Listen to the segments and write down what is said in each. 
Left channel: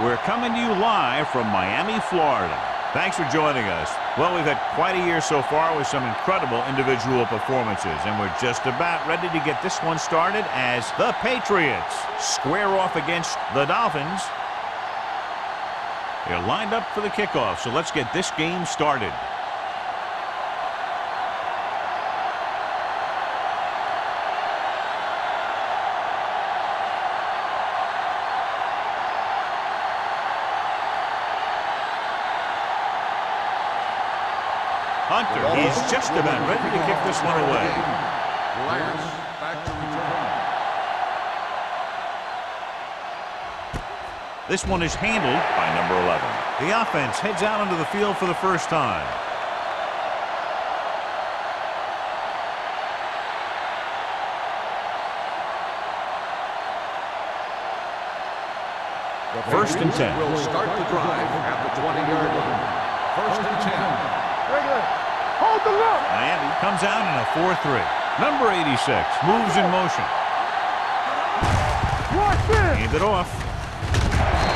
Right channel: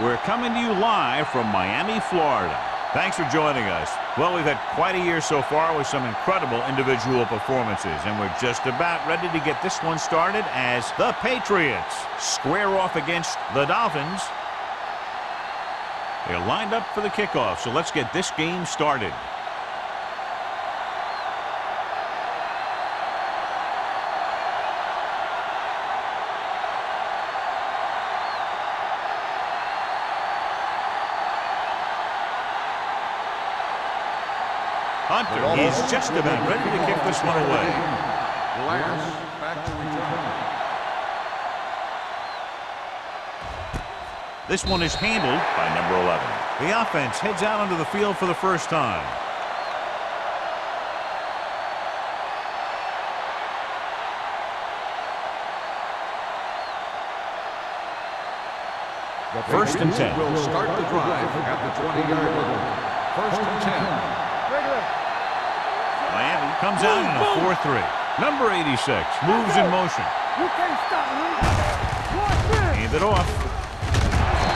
We're coming to you live from Miami, Florida. Thanks for joining us. Well, we've had quite a year so far with some incredible individual performances, and we're just about ready to get this one started as the Patriots square off against the Dolphins. They're lined up for the kickoff, so let's get this game started. Hunter, he's just about ready to kick this one away. Glass back to return. This one is handled by number 11. The offense heads out onto the field for the first time. The First and 10. Will start the drive at the 20-yard line. First and 10. Regular. Hold the look. Miami comes out in a 4-3. Number 86 moves in motion. Hand it off.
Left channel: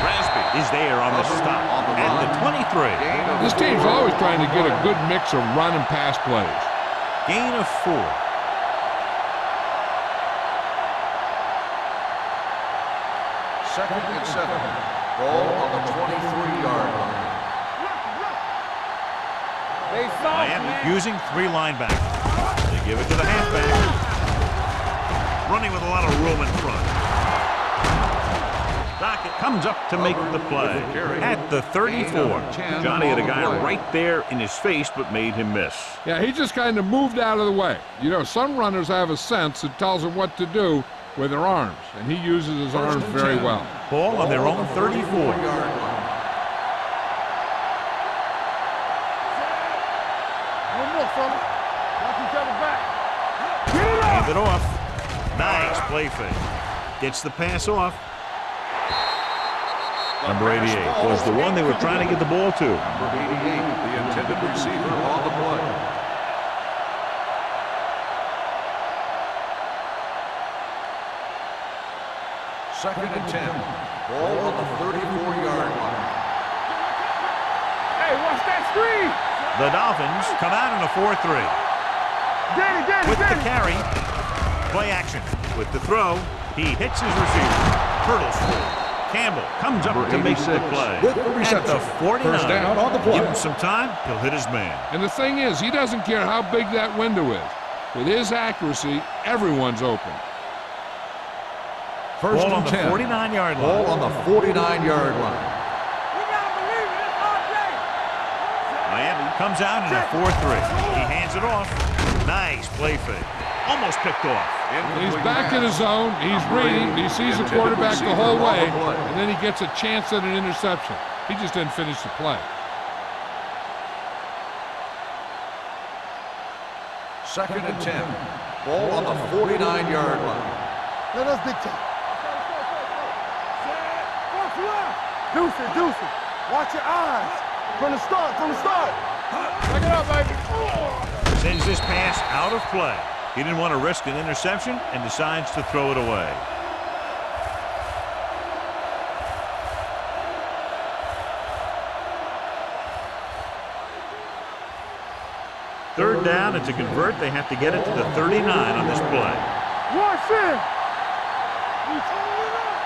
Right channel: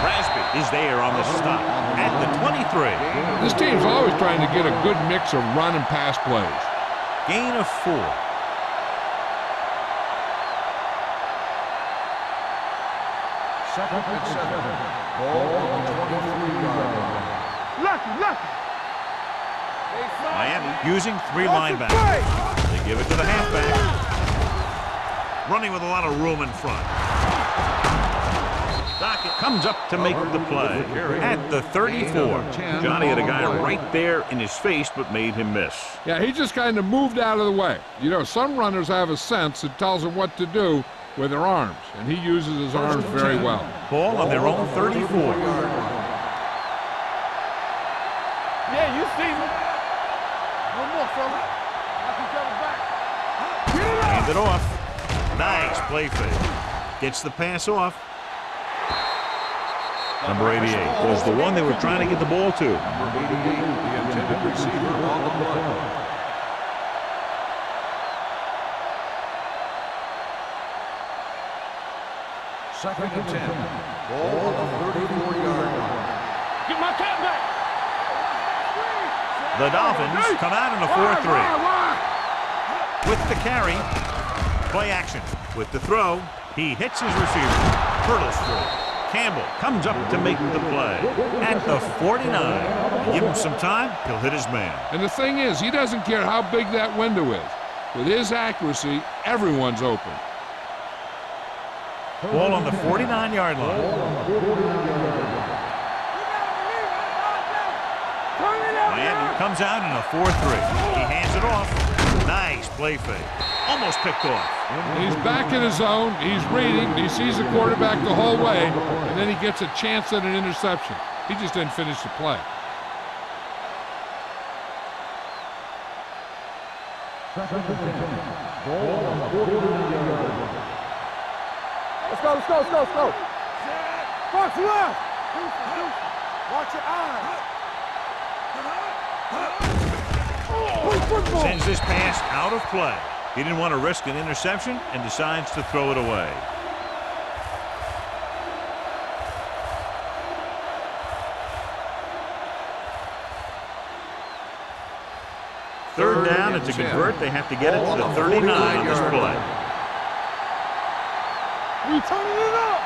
Rasby is there on the stop at the 23. This team's always trying to get a good mix of run and pass plays. Gain of 4. Second and 7. Ball on the 23-yard line. Lucky. Miami using 3 linebackers. They give it to the halfback. Running with a lot of room in front. Dockett comes up to make the play at the 34. Johnny had a guy right there in his face but made him miss. Yeah, he just kind of moved out of the way. You know, some runners have a sense that tells them what to do with their arms, and he uses his arms very well. Ball on their own 34. Hand it off. Nice play fake. Gets the pass off. Number 88 was the one they were trying to get the ball to. Number 88, the intended receiver on the play. Second and 10. Ball on the 34-yard line. Get my cat back. Hey, watch that screen. The Dolphins come out in a 4-3. With the carry, play action. With the throw, he hits his receiver. Hurdles free. Campbell comes up to make the play at the 49. Give him some time, he'll hit his man. And the thing is, he doesn't care how big that window is. With his accuracy, everyone's open. Ball on the 49-yard line. Ball on the 49-yard line. Miami comes out in a 4-3. He hands it off. Nice play fake. Almost picked off. He's back in his zone. He's reading. He sees the quarterback the whole way, and then he gets a chance at an interception. He just didn't finish the play. Second and 10. Ball on the 49-yard line. Let us big time. Let's go. Set. First left. Deuce. Watch your eyes. From the start. Sends this pass out of play. He didn't want to risk an interception and decides to throw it away. Third down, and to convert, they have to get it to the 39 on this play. Watch it. We turning it up.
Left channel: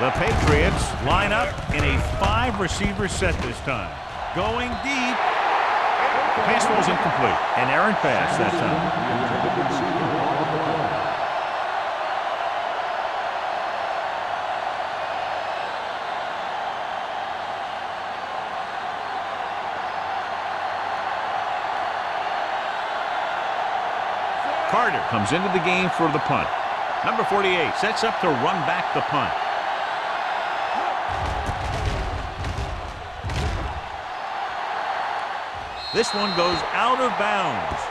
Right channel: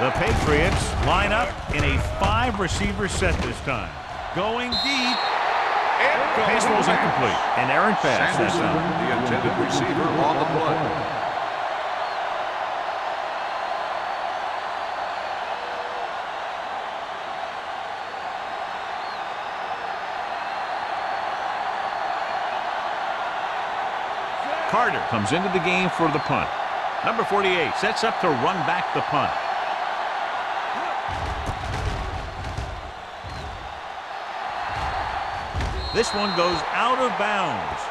The Patriots line up in a 5-receiver set this time. Going deep. Pass ball's incomplete. An errant pass that time. The intended receiver on the play. Carter comes into the game for the punt. Number 48 sets up to run back the punt. This one goes out of bounds.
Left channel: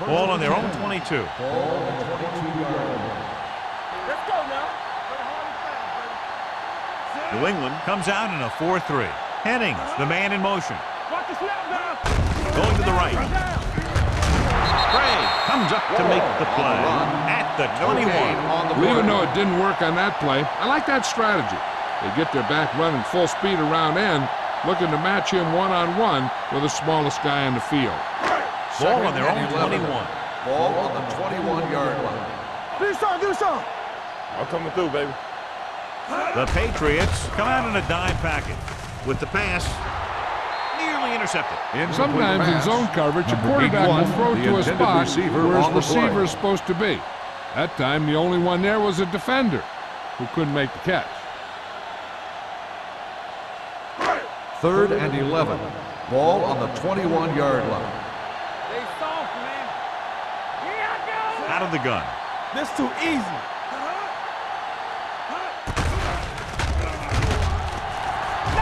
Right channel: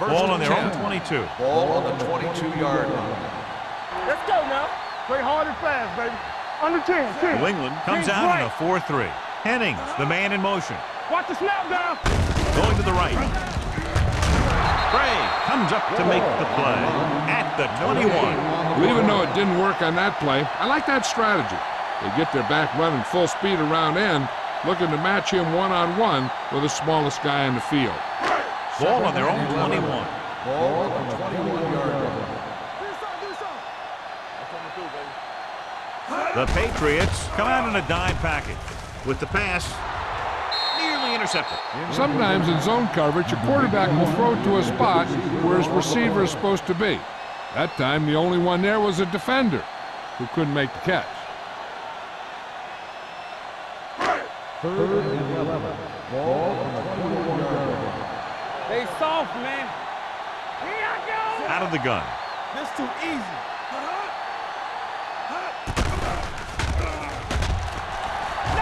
Ball on their own 22. Ball on the 22-yard line. Let's go now. Play hard and fast, baby. Under 10. New England comes out in a 4-3. Hennings, the man in motion. Watch the snap down. Going to the right. Gray comes up to make the play at the 21. Well, even though it didn't work on that play, I like that strategy. They get their back running full speed around end, looking to match him one-on-one with the smallest guy on the field. Ball on their own 21. Ball on the 21-yard line. Do something. I'm coming through, baby. The Patriots come out in a dime package with the pass nearly intercepted. Sometimes in zone coverage, a quarterback will throw to a spot where his receiver is supposed to be. That time, the only one there was a defender who couldn't make the catch. 3rd and 11. Ball on the 21-yard line. They soft, man. Here I go. Out of the gun. This too easy.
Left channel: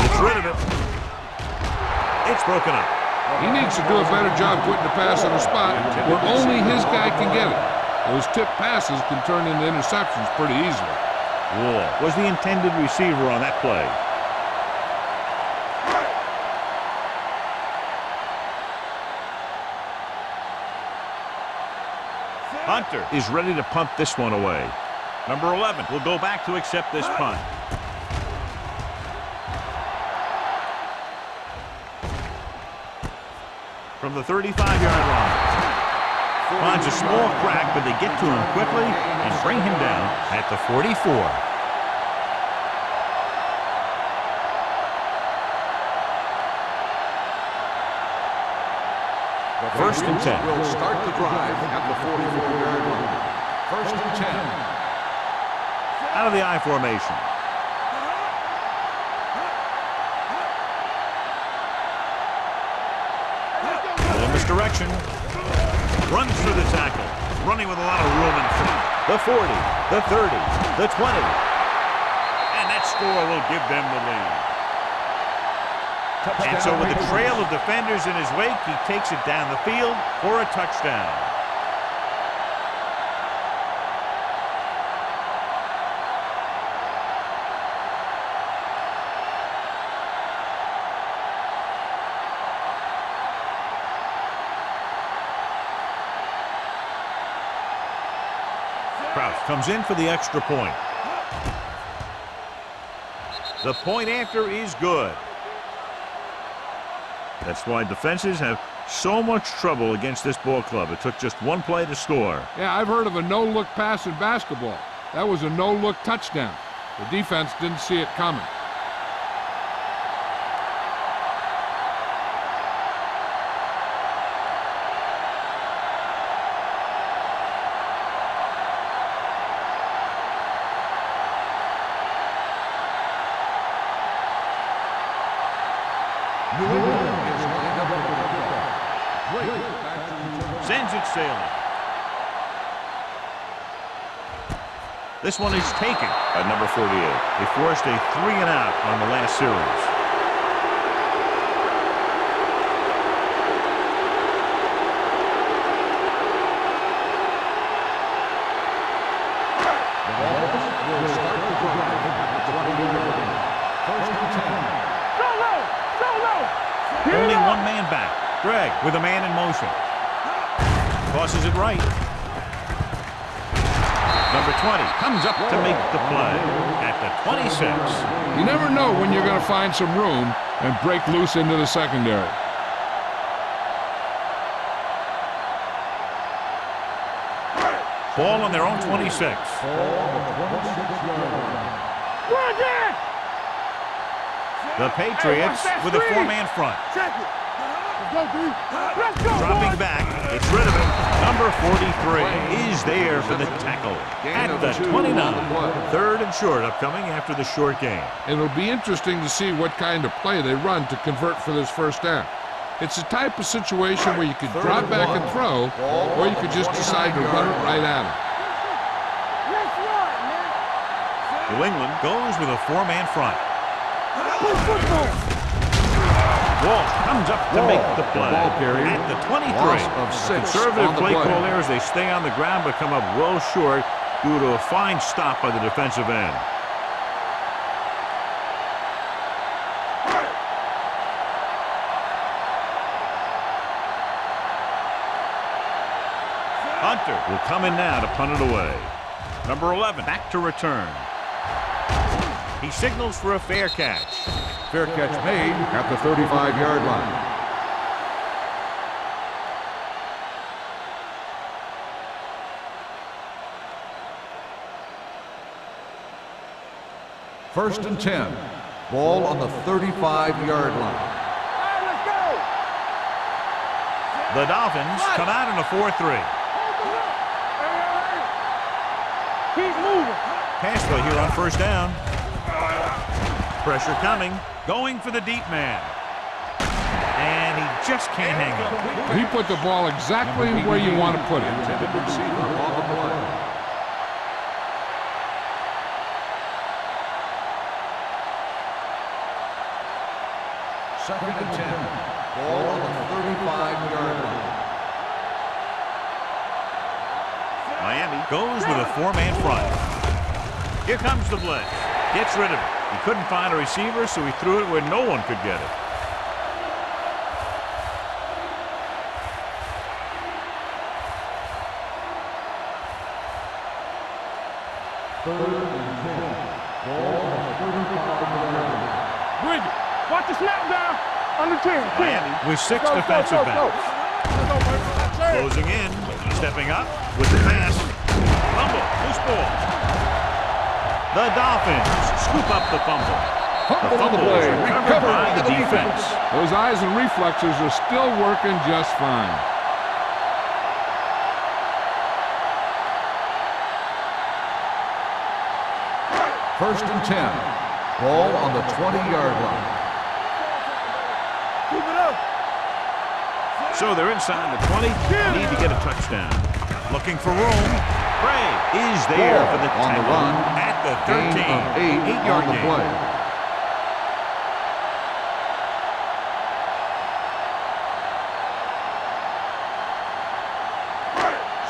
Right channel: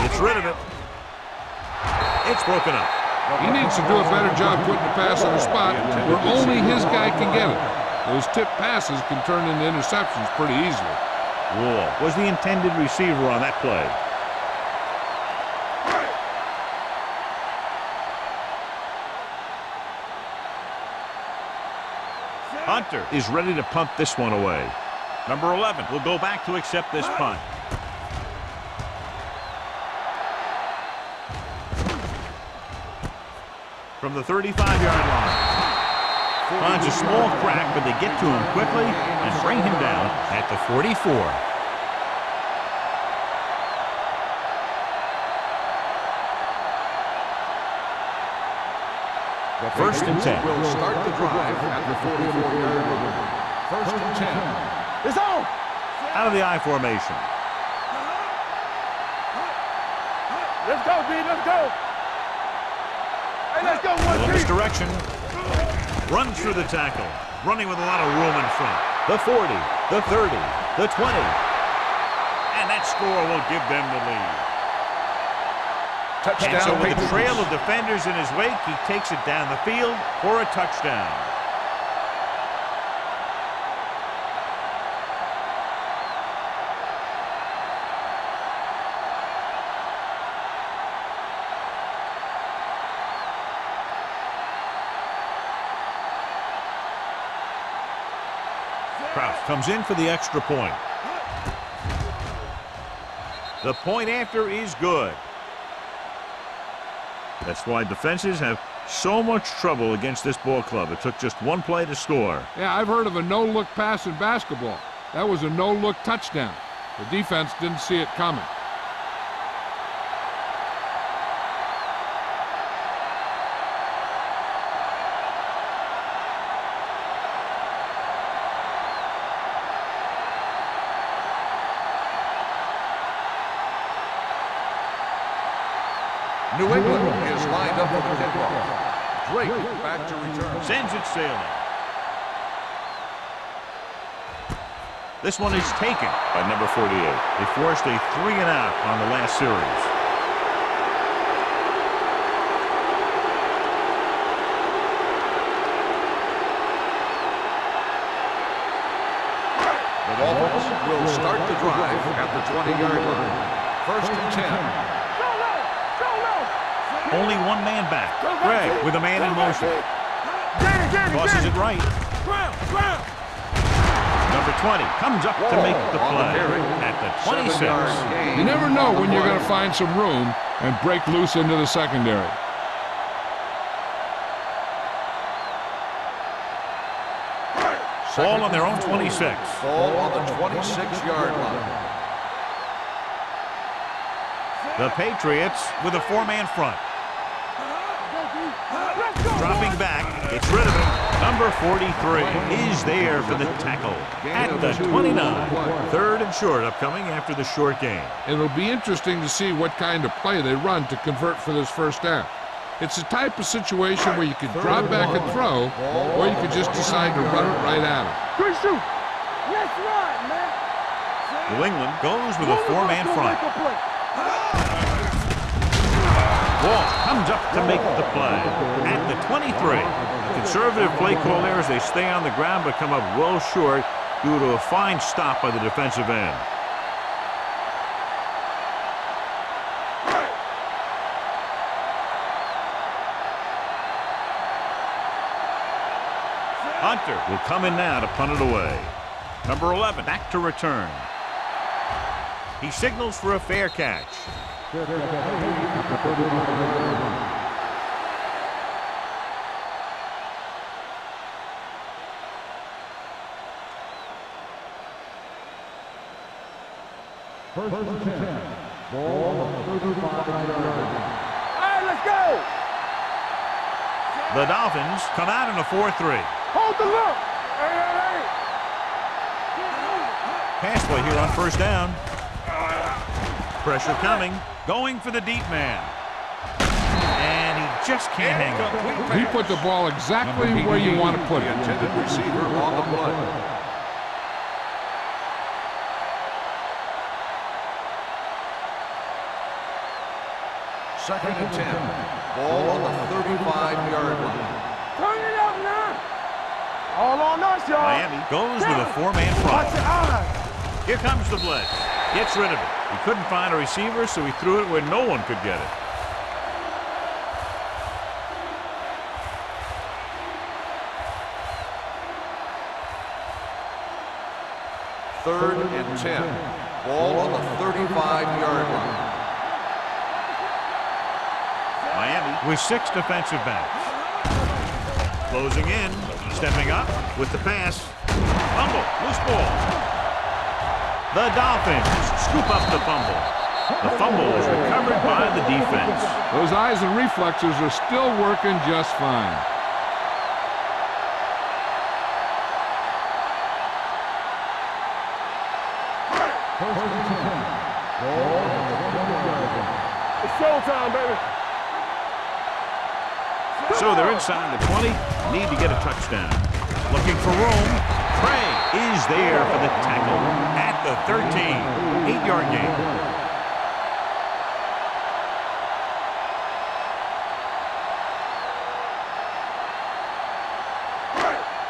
Gets rid of it. It's broken up. He needs to do a better job putting the pass in a spot where only his guy can get it. Those tip passes can turn into interceptions pretty easily. Wall was the intended receiver on that play. Hunter is ready to punt this one away. Number 11 will go back to accept this punt. From the 35-yard line. Finds a small crack, but they get to him quickly and bring him down at the 44. First and 10. Will start the drive at the 44-yard line. 1st and 10. It's on. Out of the I formation. Let's go, B. Let's go. Hey, let's go. Well, in this direction. Runs through the tackle. Running with a lot of room in front. The 40, the 30, the 20. And that score will give them the lead. Touchdown, And so with a Patriots. trail of defenders in his wake, he takes it down the field for a touchdown. Kraus comes in for the extra point. The point after is good. That's why defenses have so much trouble against this ball club. It took just one play to score. Yeah, I've heard of a no-look pass in basketball. That was a no-look touchdown. The defense didn't see it coming. New England is lined up for the kickoff. Drake back to return. Sends it sailing. This one is taken by number 48. They forced a 3-and-out on the last series. The Dolphins will start the drive at the 20-yard line. 1st and 10. Only one man back. Greg with a man in motion. Tosses it right. Number 20 comes up to make the play at the 26. You never know when you're going to find some room and break loose into the secondary. Ball on their own 26. Ball on the 26-yard line. The Patriots with a 4-man front. Dropping back, gets rid of it. Number 43 is there for the tackle at the 29. 3rd and short upcoming after the short game. It'll be interesting to see what kind of play they run to convert for this first down. It's the type of situation where you could drop back and throw, or you could just decide to run it right at him. Good shoot. Let's run, man. New England goes with a four-man front. Walsh comes up to make the play at the 23. Conservative play call there as they stay on the ground but come up well short due to a fine stop by the defensive end. Hunter will come in now to punt it away. Number 11 back to return. He signals for a fair catch. Fair catch made at the 35-yard line. First and 10. Ball on the 35-yard line. All right, let's go. The Dolphins come out in a 4-3. Hold the look. Hey. Keep moving. Pass play here on first down. Pressure coming. Going for the deep man. And he just can't hang up. He put the ball exactly where you want to put it. Intended receiver on the play. Second and 10. Ball on the 35-yard line. Turn it up now. All on us, y'all. Miami goes with a four-man front. Here comes the blitz. Gets rid of it. He couldn't find a receiver, so he threw it where no one could get it. Third and 10. Ball on the 35-yard line. Bridget, watch the snap down. On the 10. Miami with 6 defensive backs. Closing in. Stepping up with the pass. Fumble. Loose ball. The Dolphins scoop up the fumble. The fumble is recovered by the defense. Those eyes and reflexes are still working just fine. First and 10. Ball on the 20-yard line. It's showtime, baby. Keep it up. So they're inside the 20. Need to get a touchdown. Looking for room. Bray is there for the tackle at the 13. 8-yard gain.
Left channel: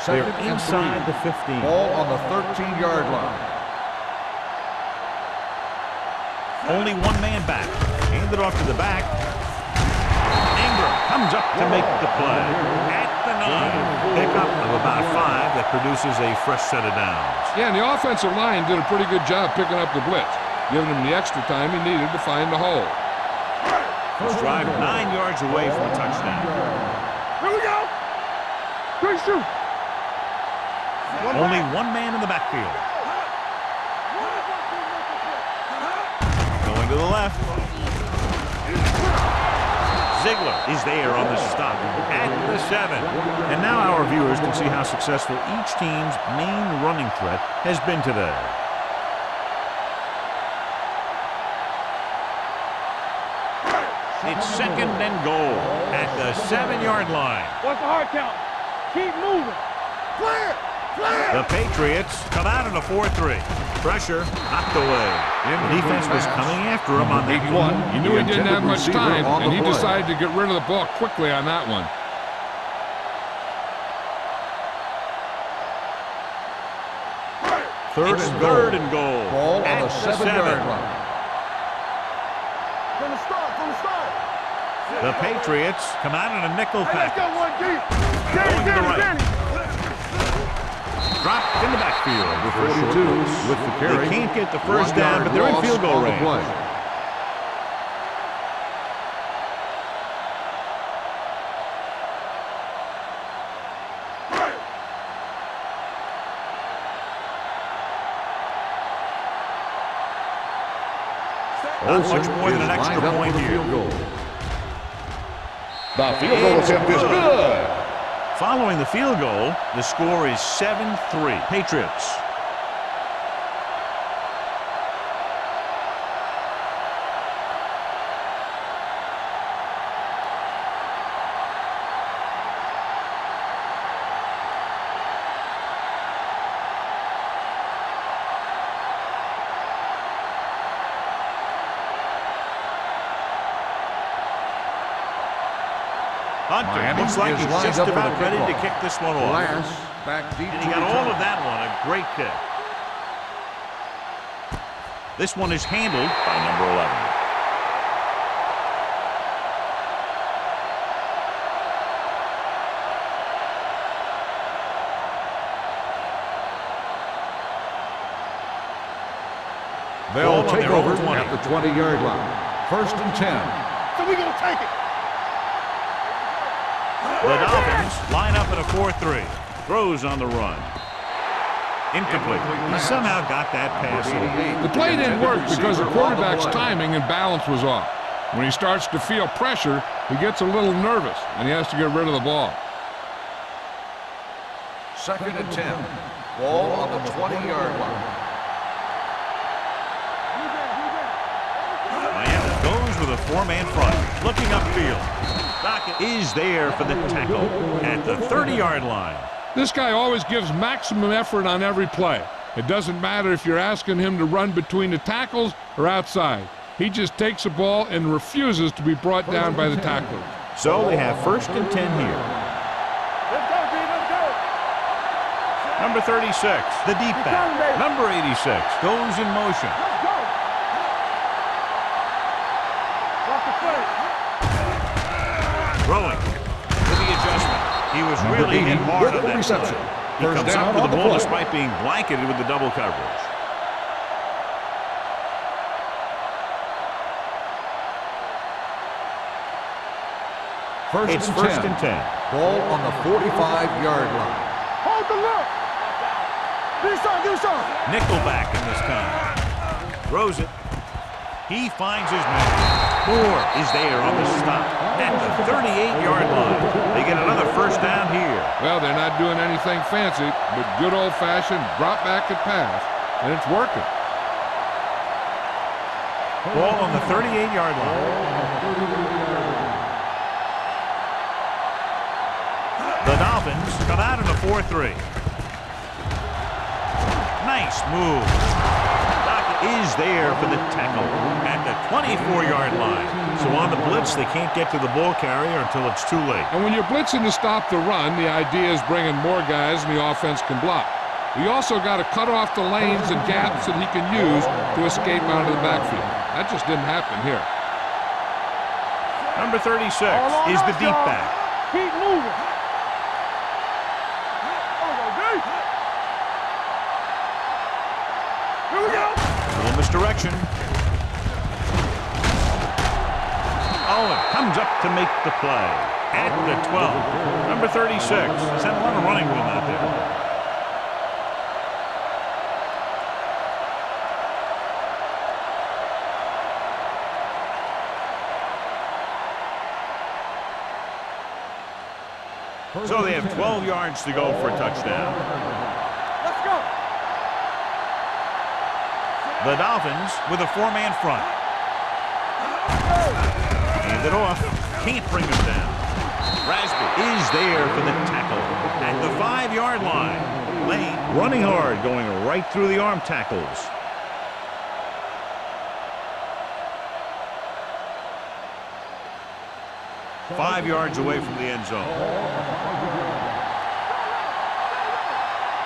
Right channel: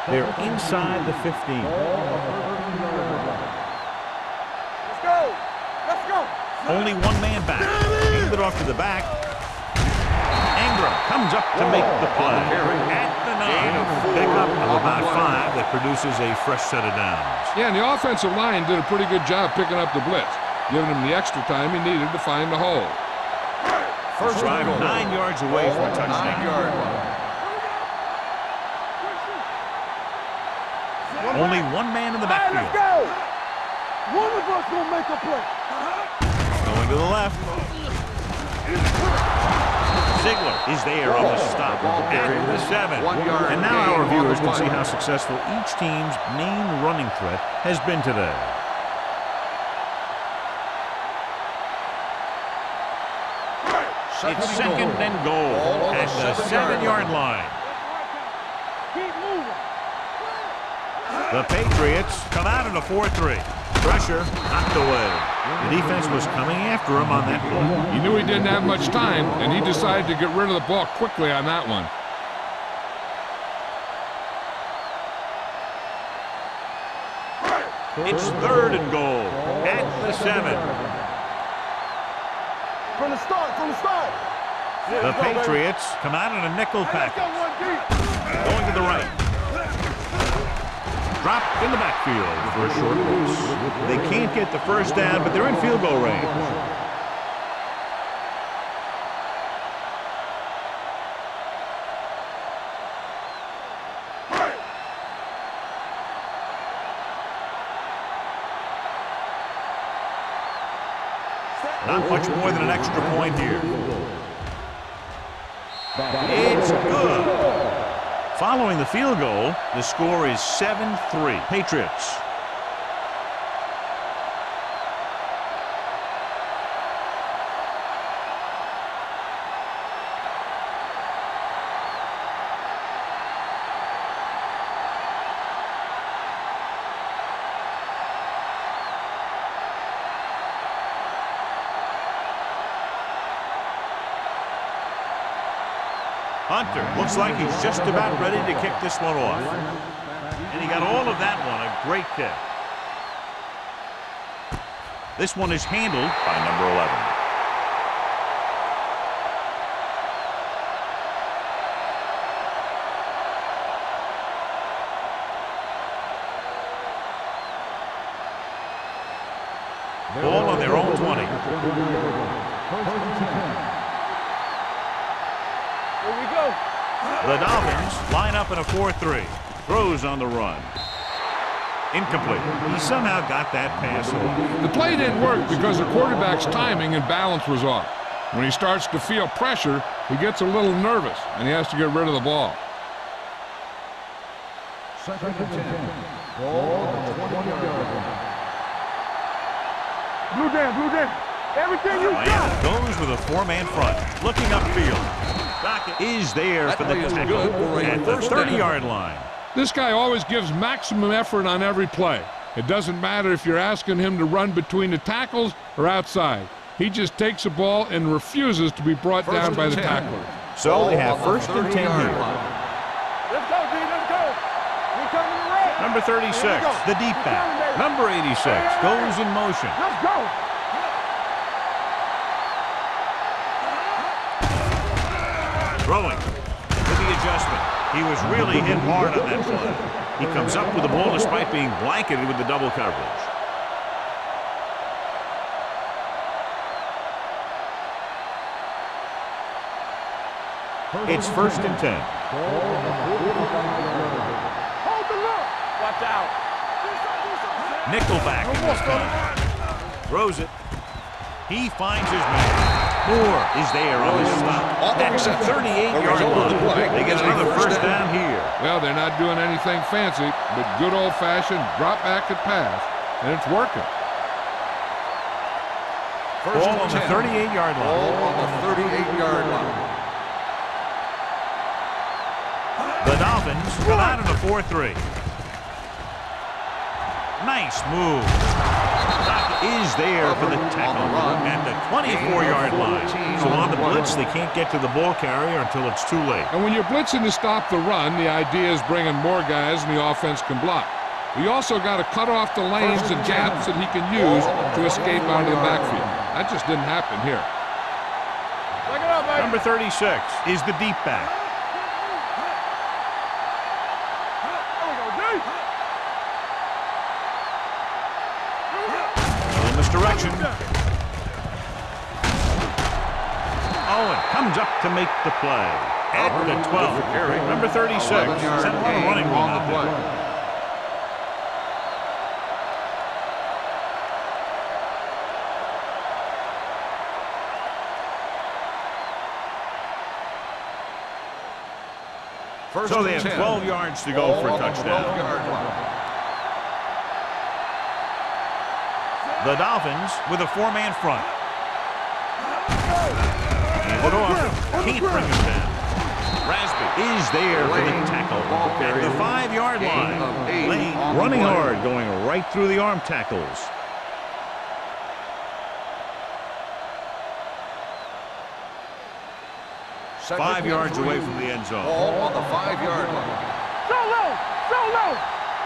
They're inside the 15. Ball on the 13-yard line. Let's go. Only one man back. Hand it off to the back. Ingram comes up to make the play at the 9. Pickup of about 5 that produces a fresh set of downs. Yeah, and the offensive line did a pretty good job picking up the blitz, giving him the extra time he needed to find the hole. This drive 9 yards away from a touchdown. Here we go. Good shoot. Only one man in the backfield. One of us will make a play. Going to the left. Ziegler is there on the stop at the 7. And now our viewers can see how successful each team's main running threat has been today. It's second and goal at the 7-yard line. What's the hard count? Keep moving. The Patriots come out in a 4-3. Pressure knocked away. The defense was coming after him on that play. He knew he didn't have much time, and he decided to get rid of the ball quickly on that one. It's third and goal at the 7. From the start. The Patriots come out in a nickel Hey, let's package. go one deep. Going to the right. Dropped in the backfield for a short loss. They can't get the first down, but they're in field goal range. Not much more than an extra point here. It's good. Following the field goal, the score is 7-3. Patriots. Hunter looks like he's just about ready to kick this one off. And he got all of that one, a great kick. This one is handled by number 11. Ball on their own 20. At the 20-yard line. 1st and 10. So we're going to take it. Here we go. The Dolphins line up in a 4-3. Throws on the run. Incomplete. He somehow got that pass off. The play didn't work because the quarterback's timing and balance was off. When he starts to feel pressure, he gets a little nervous, and he has to get rid of the ball. 2nd and 10. Ball on the 20-yard line. Blue down. Everything. Miami goes with a 4-man front. Looking upfield. Dockett is there for the tackle at the 30-yard line. This guy always gives maximum effort on every play. It doesn't matter if you're asking him to run between the tackles or outside. He just takes the ball and refuses to be brought down by the tacklers. So they have 1st and 10 here. Let's go, D. Let's go. Number 36, the deep back. Number 86 goes in motion. Let's go. Throwing with the adjustment. He was really hit hard on that play. He comes up with the ball despite being blanketed with the double coverage. It's 1st and 10. Ball on the 45-yard line. Hold the look. Watch out. Do something. Nickelback in this time. Throws it. He finds his man. Moore is there on the stop at the 38-yard line. They get another 1st down here. Well, they're not doing anything fancy, but good old-fashioned drop back and pass, and it's working. Ball on the 38-yard line. Ball on the 38-yard line. The Dolphins come out in a 4-3. Nice move. Dockett is there for the tackle at the 24-yard line. So on the blitz, they can't get to the ball carrier until it's too late. And when you're blitzing to stop the run, the idea is bringing more guys and the offense can block. We also got to cut off the lanes and gaps that he can use to escape out of the backfield. That just didn't happen here. Number 36 is the deep back. Keep moving. There we go, D. Here we go. A little misdirection. Owen comes up to make the play at the 12. Number 36 has had a lot of running room out there. So they have 12 yards to go for a touchdown. The Dolphins with a 4-man front. Hand it off. Can't bring him down. Rasby is there for the tackle at the 5-yard line. Lane running hard, going right through the arm tackles. Five yards away from the end zone. Ball on the 5-yard line.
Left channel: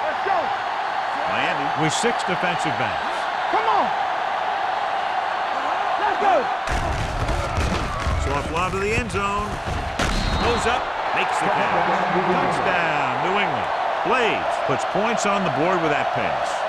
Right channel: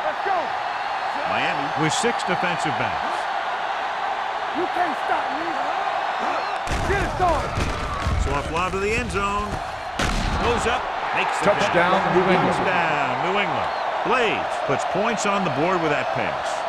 Let's go. Miami with 6 defensive backs. Come on. You can't stop me. Get it started. So a fly to the end zone. Goes up, makes the Touchdown, catch. New England. Touchdown, New England. Blades puts points on the board with that pass.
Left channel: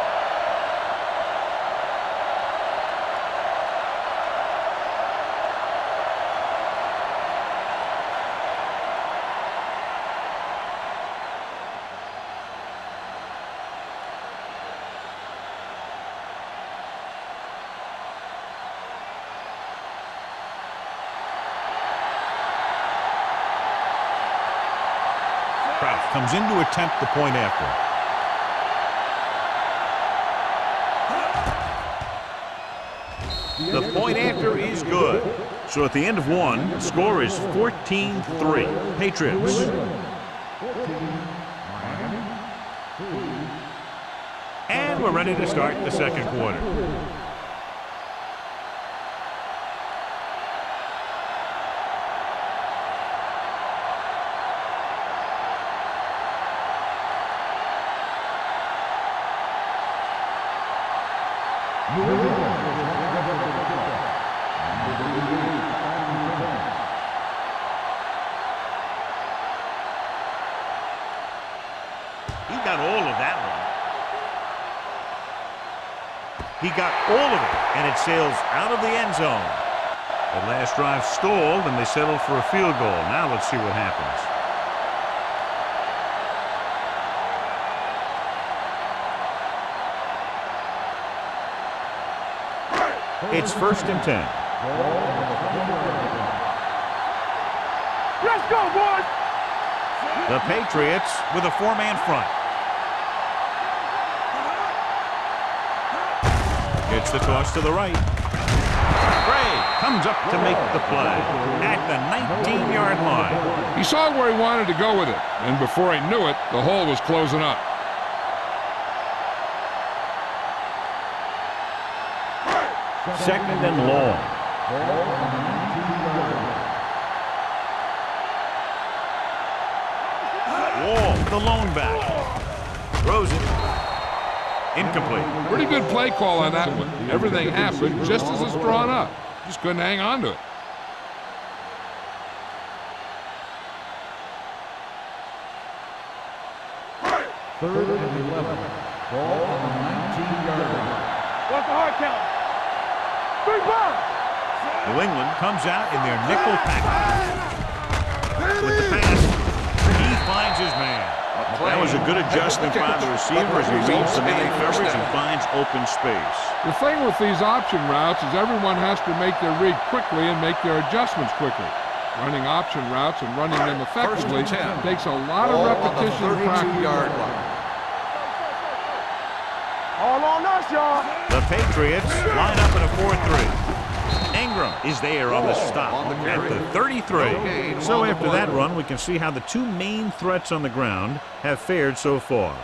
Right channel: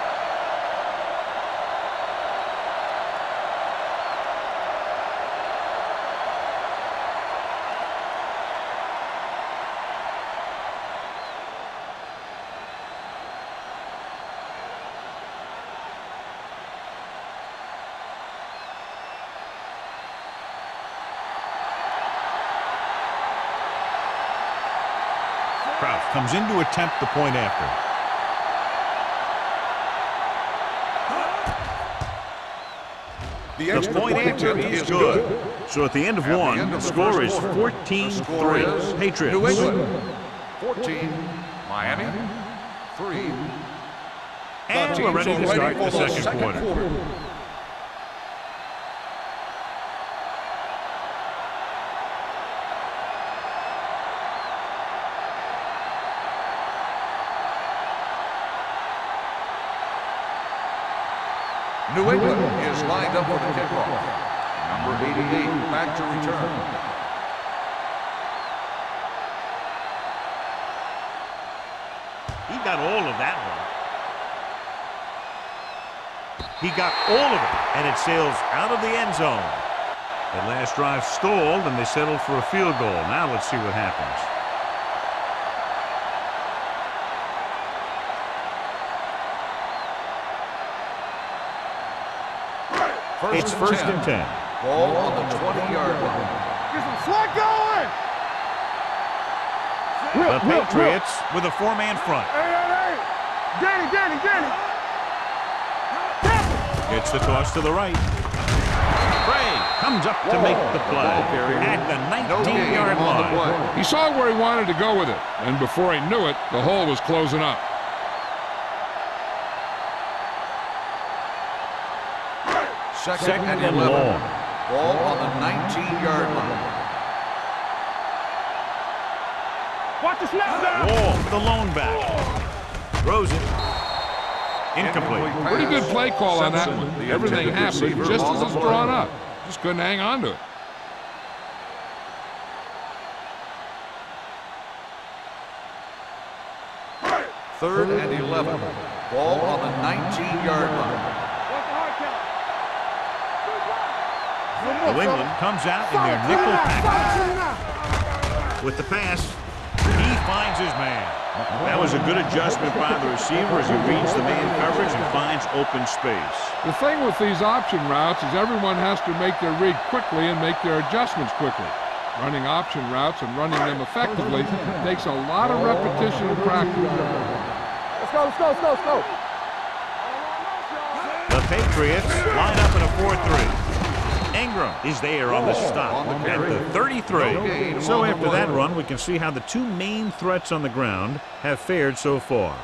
Kraus comes in to attempt the point after. The point after is good. So at the end of one, the score is 14-3. Patriots. 14, Miami, 3. And we're ready to start the second quarter. New England is lined up for the kickoff. Number 88 back to return. He got all of that one. He got all of it, and it sails out of the end zone. That last drive stalled, and they settled for a field goal. Now let's see what happens. It's first and 10. Ball on the 20-yard line. Get going. Let's go, boys. The Patriots with a four-man front. Danny. Gets the toss to the right. Craig comes up to make the play at the 19-yard line. He saw where he wanted to go with it, and before he knew it, the hole was closing up. Second and long. Ball on the 19-yard line. Wall, the lone back. Throws it. Incomplete. Pretty good play call on that one. Everything happened just as it's drawn up. Just couldn't hang on to it. Third and 11. Ball on the 19-yard line. What's the hard count? 3 balls. New England comes out in their nickel package. With the pass, he finds his man. That was a good adjustment by the receiver as he reads the man coverage and finds open space. The thing with these option routes is everyone has to make their read quickly and make their adjustments quickly. Running option routes and running them effectively takes a lot of repetition and practice. Let's go. All on us, y'all. The Patriots line up in a 4-3. Ingram is there on the stop at the 33. So after that run, we can see how the two main threats on the ground have fared so far.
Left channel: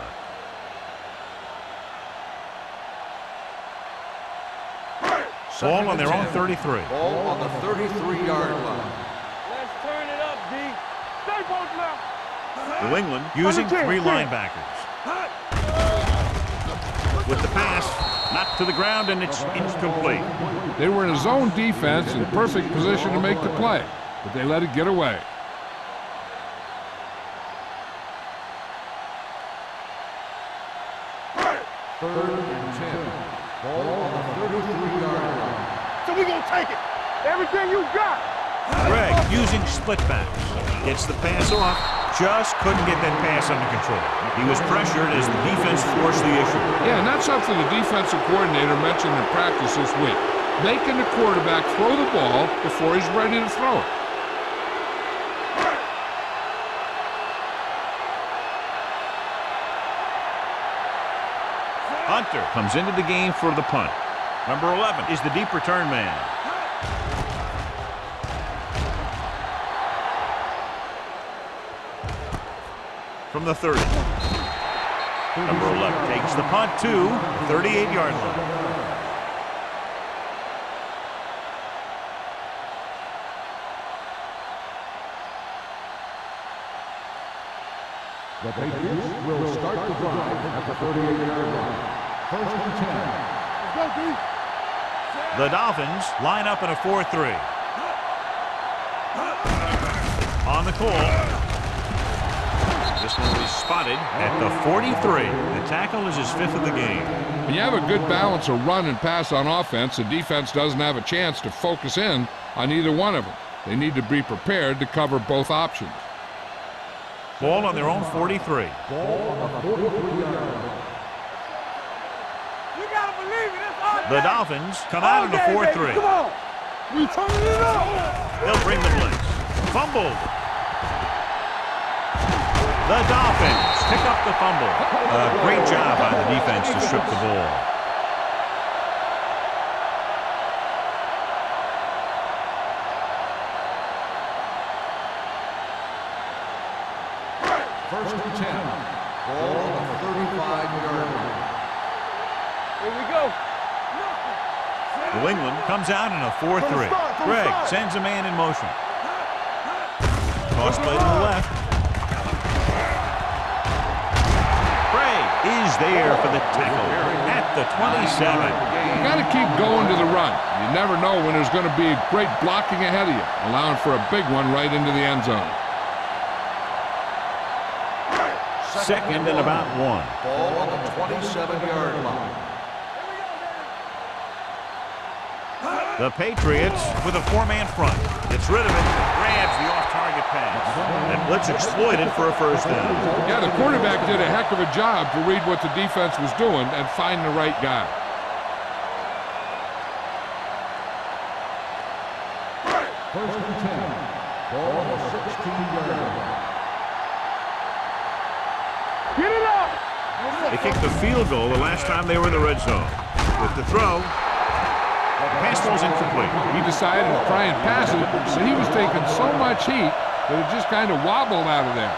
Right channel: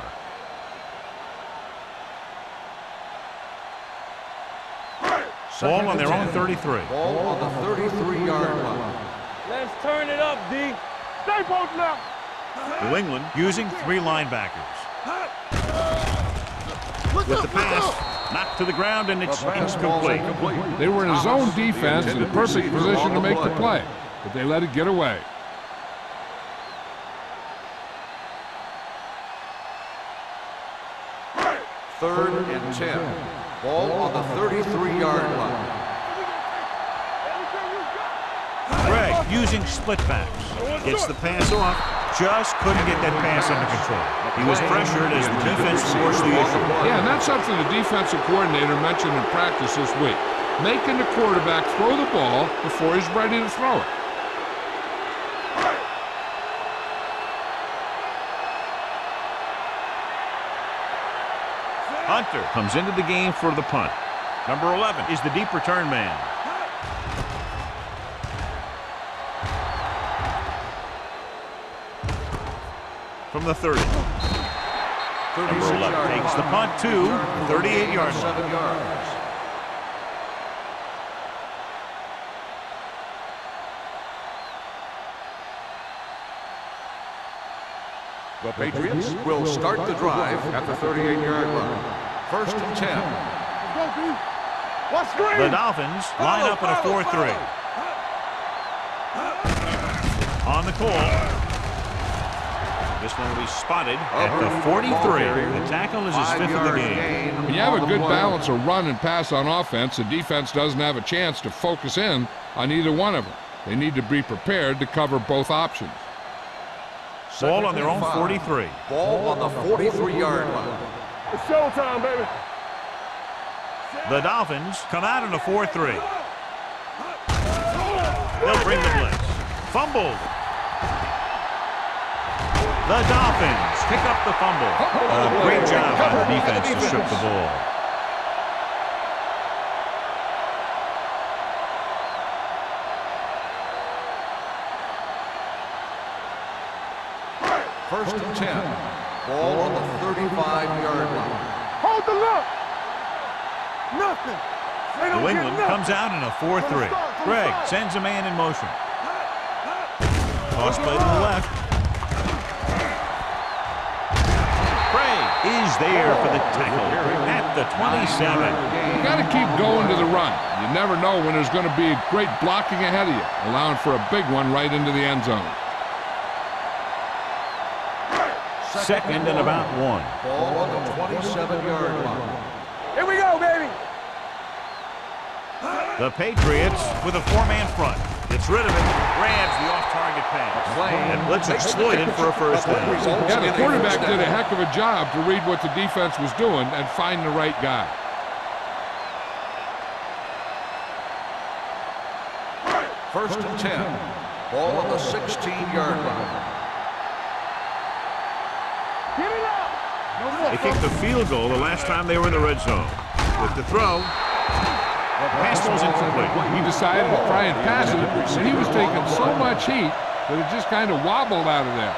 Ball on their own 33. Ball on the 33-yard line. Let's turn it up, D. Stay both left. New England using 3 linebackers. With the pass, knocked to the ground, and it's incomplete. They were in a zone defense in the perfect position to make the play, but they let it get away. Third and 10. Ball on the 33-yard line. So we gonna take it. Everything you got. Greg using split backs. Gets the pass off. Just couldn't get that pass under control. He was pressured as the defense forced the issue. Yeah, and that's something the defensive coordinator mentioned in practice this week. Making the quarterback throw the ball before he's ready to throw it. Hunter comes into the game for the punt. Number 11 is the deep return man. From the 30. Number 11 takes the punt to the 38-yard line. The Patriots will start the drive at the 38-yard line. First and 10. Let's go, D. What's good? The Dolphins line up in a 4-3. On the call. This one will be spotted at the 43. The tackle is his 5th of the game. When you have a good balance of run and pass on offense, the defense doesn't have a chance to focus in on either one of them. They need to be prepared to cover both options. Ball on their own 43. Ball on the 43-yard line. It's showtime, baby. You gotta believe it. That's all. The Dolphins come out in a 4-3. Come on. We turn it up. They'll bring the blitz. Fumbled. The Dolphins pick up the fumble. Great job by the defense to strip the ball. First and 10. Ball on the 35-yard line. Hold the look. Here we go. Nothing. New England comes out in a 4-3. Greg sends a man in motion. Toss play to the left. Craig is there for the tackle at the 27. You got to keep going to the run. You never know when there's going to be great blocking ahead of you, allowing for a big one right into the end zone. Second and about 1. Ball on the 27-yard line. Here we go, baby. The Patriots with a 4-man front. Gets rid of it, grabs the off-target pass. And blitz exploited for a first down. Yeah, the quarterback did a heck of a job to read what the defense was doing and find the right guy. First and 10. Ball on the 16-yard line. Get it up. They kicked the field goal the last time they were in the red zone. With the throw, the pass ball's incomplete. He decided to try and pass it, but he was taking so much heat that it just kind of wobbled out of there.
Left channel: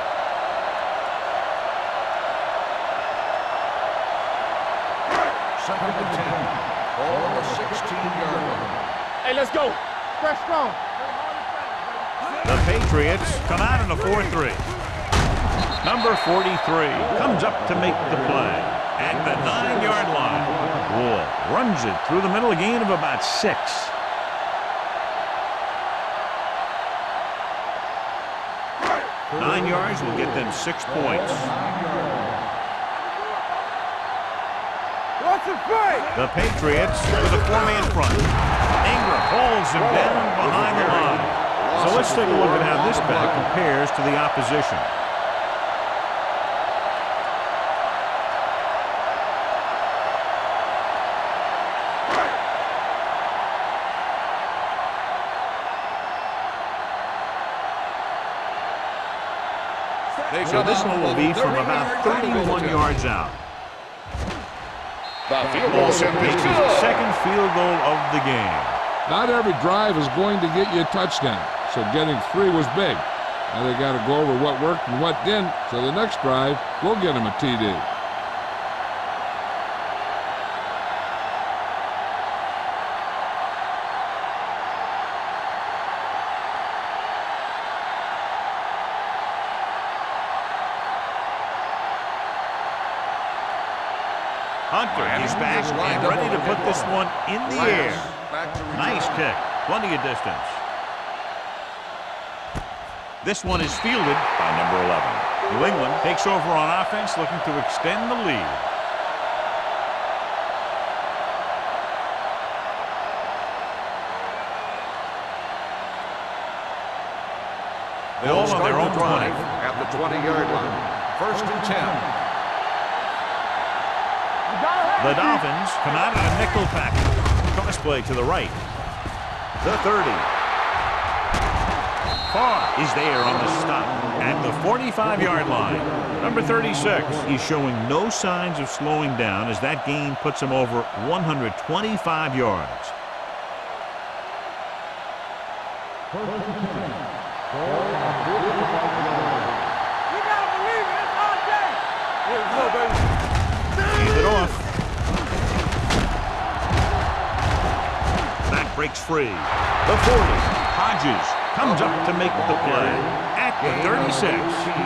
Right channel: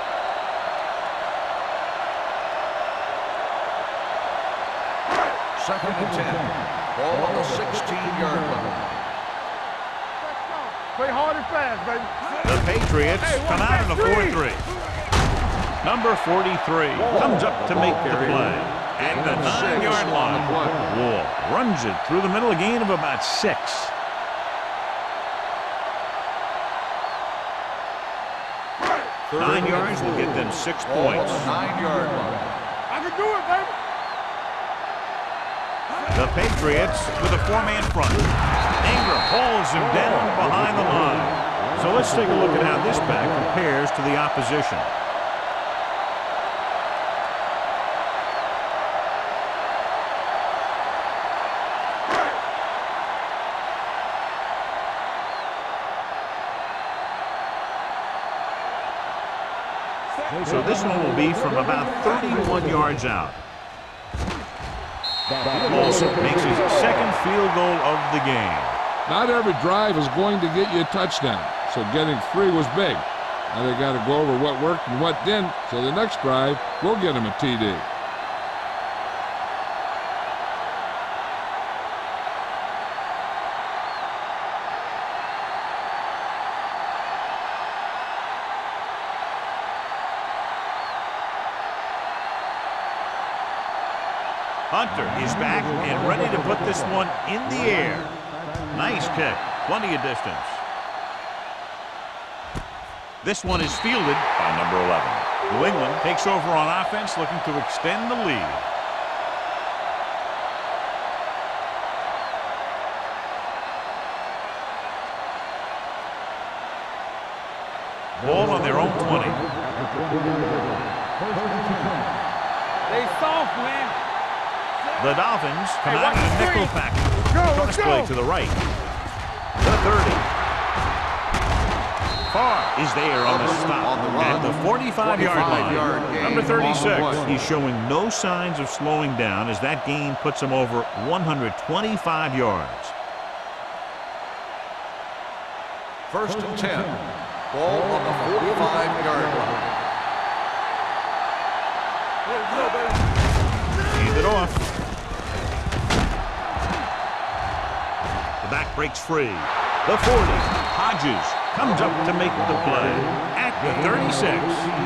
Second and 10. Ball on the 16-yard line. Hey, let's go. Press strong. Play hard and fast, baby. The Patriots come out in a 4-3. Number 43 comes up to make the play at the 9-yard line. Wall runs it through the middle, a gain of about 6. Third 9 yards and will get them 6 points. 9-yard line. I can do it, baby. Watch it play. The Patriots with a 4-man front. Ingram pulls him down behind the line. So let's take a look at how this back compares to the opposition. So this one will be from about 31 yards out. Olsen makes his second field goal of the game. Not every drive is going to get you a touchdown, so getting 3 was big. Now they got to go over what worked and what didn't, so the next drive will get him a TD. Hunter is back and ready to put this one in the air. Nice kick. Plenty of distance. This one is fielded by number 11. New England takes over on offense, looking to extend the lead. Ball on their own 20. At the 20-yard line. First and 10. They soft, man. The Dolphins come out in a nickel package. Cross play to the right. The 30. Farr is there on the stop at the 45-yard line. Number 36. He's showing no signs of slowing down as that gain puts him over 125 yards. First and 10. Ball on the 45-yard line. You gotta believe it. It's hard day. Here we go, baby. Hand it off. The back breaks free. The 40. Hodges comes up to make the play at the 36.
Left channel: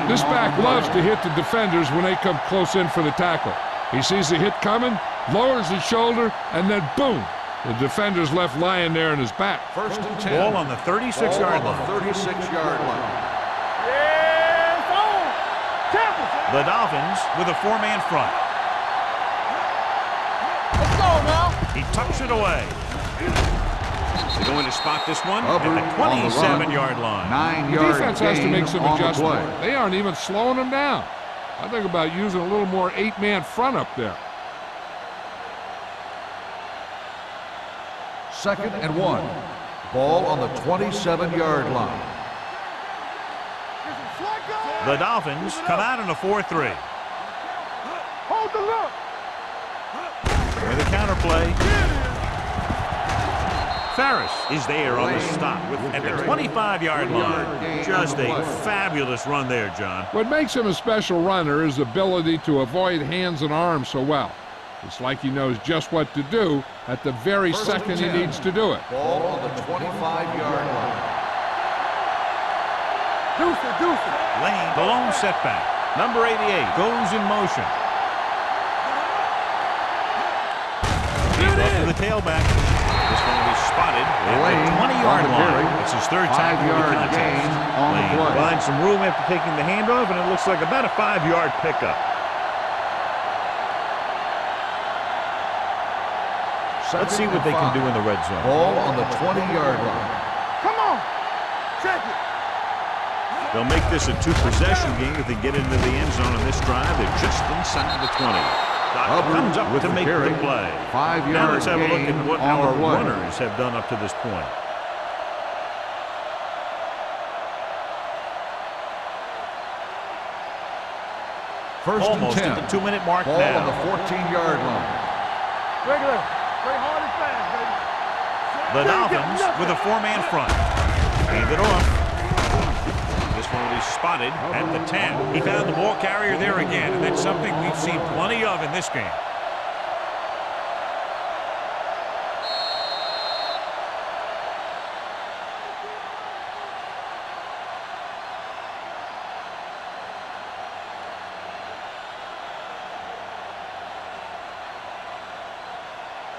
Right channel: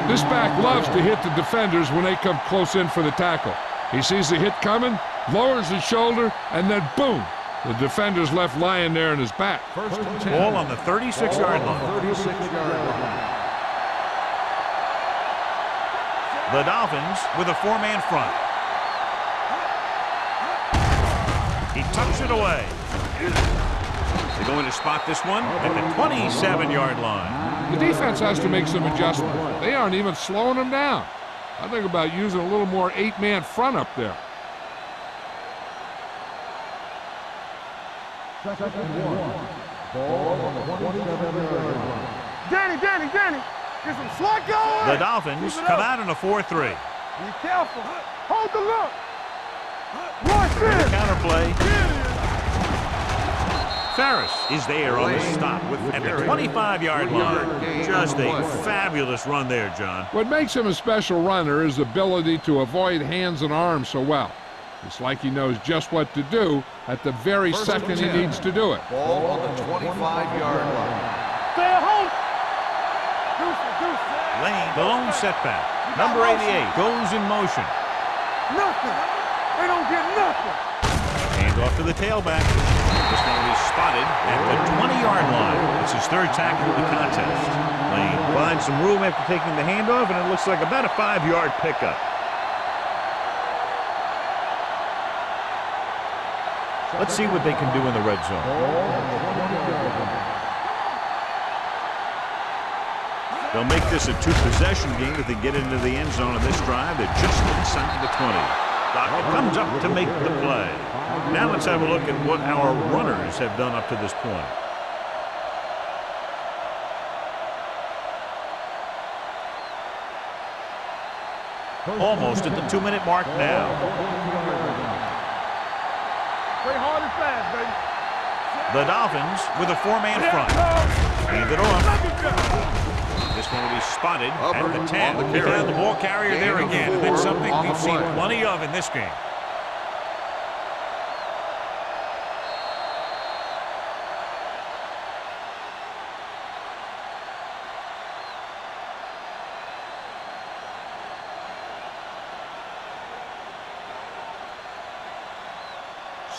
This back loves to hit the defenders when they come close in for the tackle. He sees the hit coming, lowers his shoulder, and then boom, the defender's left lying there in his back. First and 10. Ball on the 36-yard line. 36-yard line. The Dolphins with a 4-man front. He tucks it away. They're going to spot this one at the 27-yard line. The defense has to make some adjustments. They aren't even slowing them down. I think about using a little more 8-man front up there. Second and 1. Ball on the 27-yard line. Danny. Get some slack going. The Dolphins come out in a 4-3. Be careful. Hold the look. With a counterplay. Ferris is there on the stop at the 25-yard line. Just a fabulous run there, John. What makes him a special runner is the ability to avoid hands and arms so well. It's like he knows just what to do at the very second he needs to do it. Ball on the 25-yard line. Deuce it. Lane, the lone setback. Number 88 goes in motion. off to the tailback. This one will be spotted at the 20-yard line. It's his third tackle of the contest. Lane finds some room after taking the handoff, and it looks like about a 5-yard pickup. Let's see what they can do in the red zone. Ball on the 20-yard line. Come on. Check it. They'll make this a two-possession game if they get into the end zone on this drive. They're just inside the 20. Dockett comes up to make the play. Now let's have a look at what our runners have done up to this point. Almost at the 2-minute mark now. 14-yard line. Regular. Play hard and fast, baby. The Dolphins with a 4-man front. Hand it off. This one will be spotted at the 10. He found the ball carrier there again, and that's something we've seen plenty of in this game.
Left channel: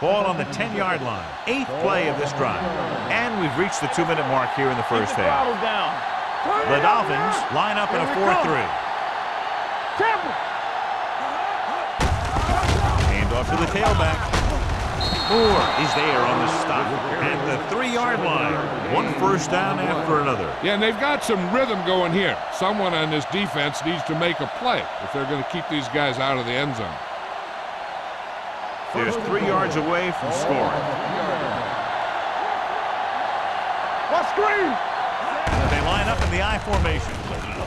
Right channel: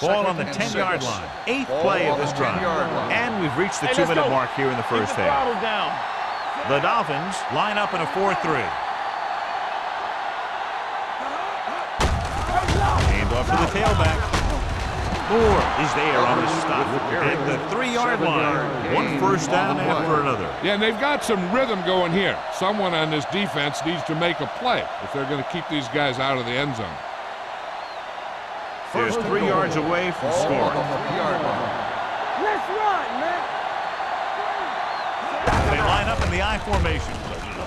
Ball on the 10-yard line. 8th play of this drive. And we've reached the 2-minute mark here in the first half. The Dolphins line up in a 4-3. Hand off to the tailback. Moore is there on the stop at the 3-yard line. One first down after another. Yeah, and they've got some rhythm going here. Someone on this defense needs to make a play if they're going to keep these guys out of the end zone. They're 3 yards away from scoring. They line up in the I formation.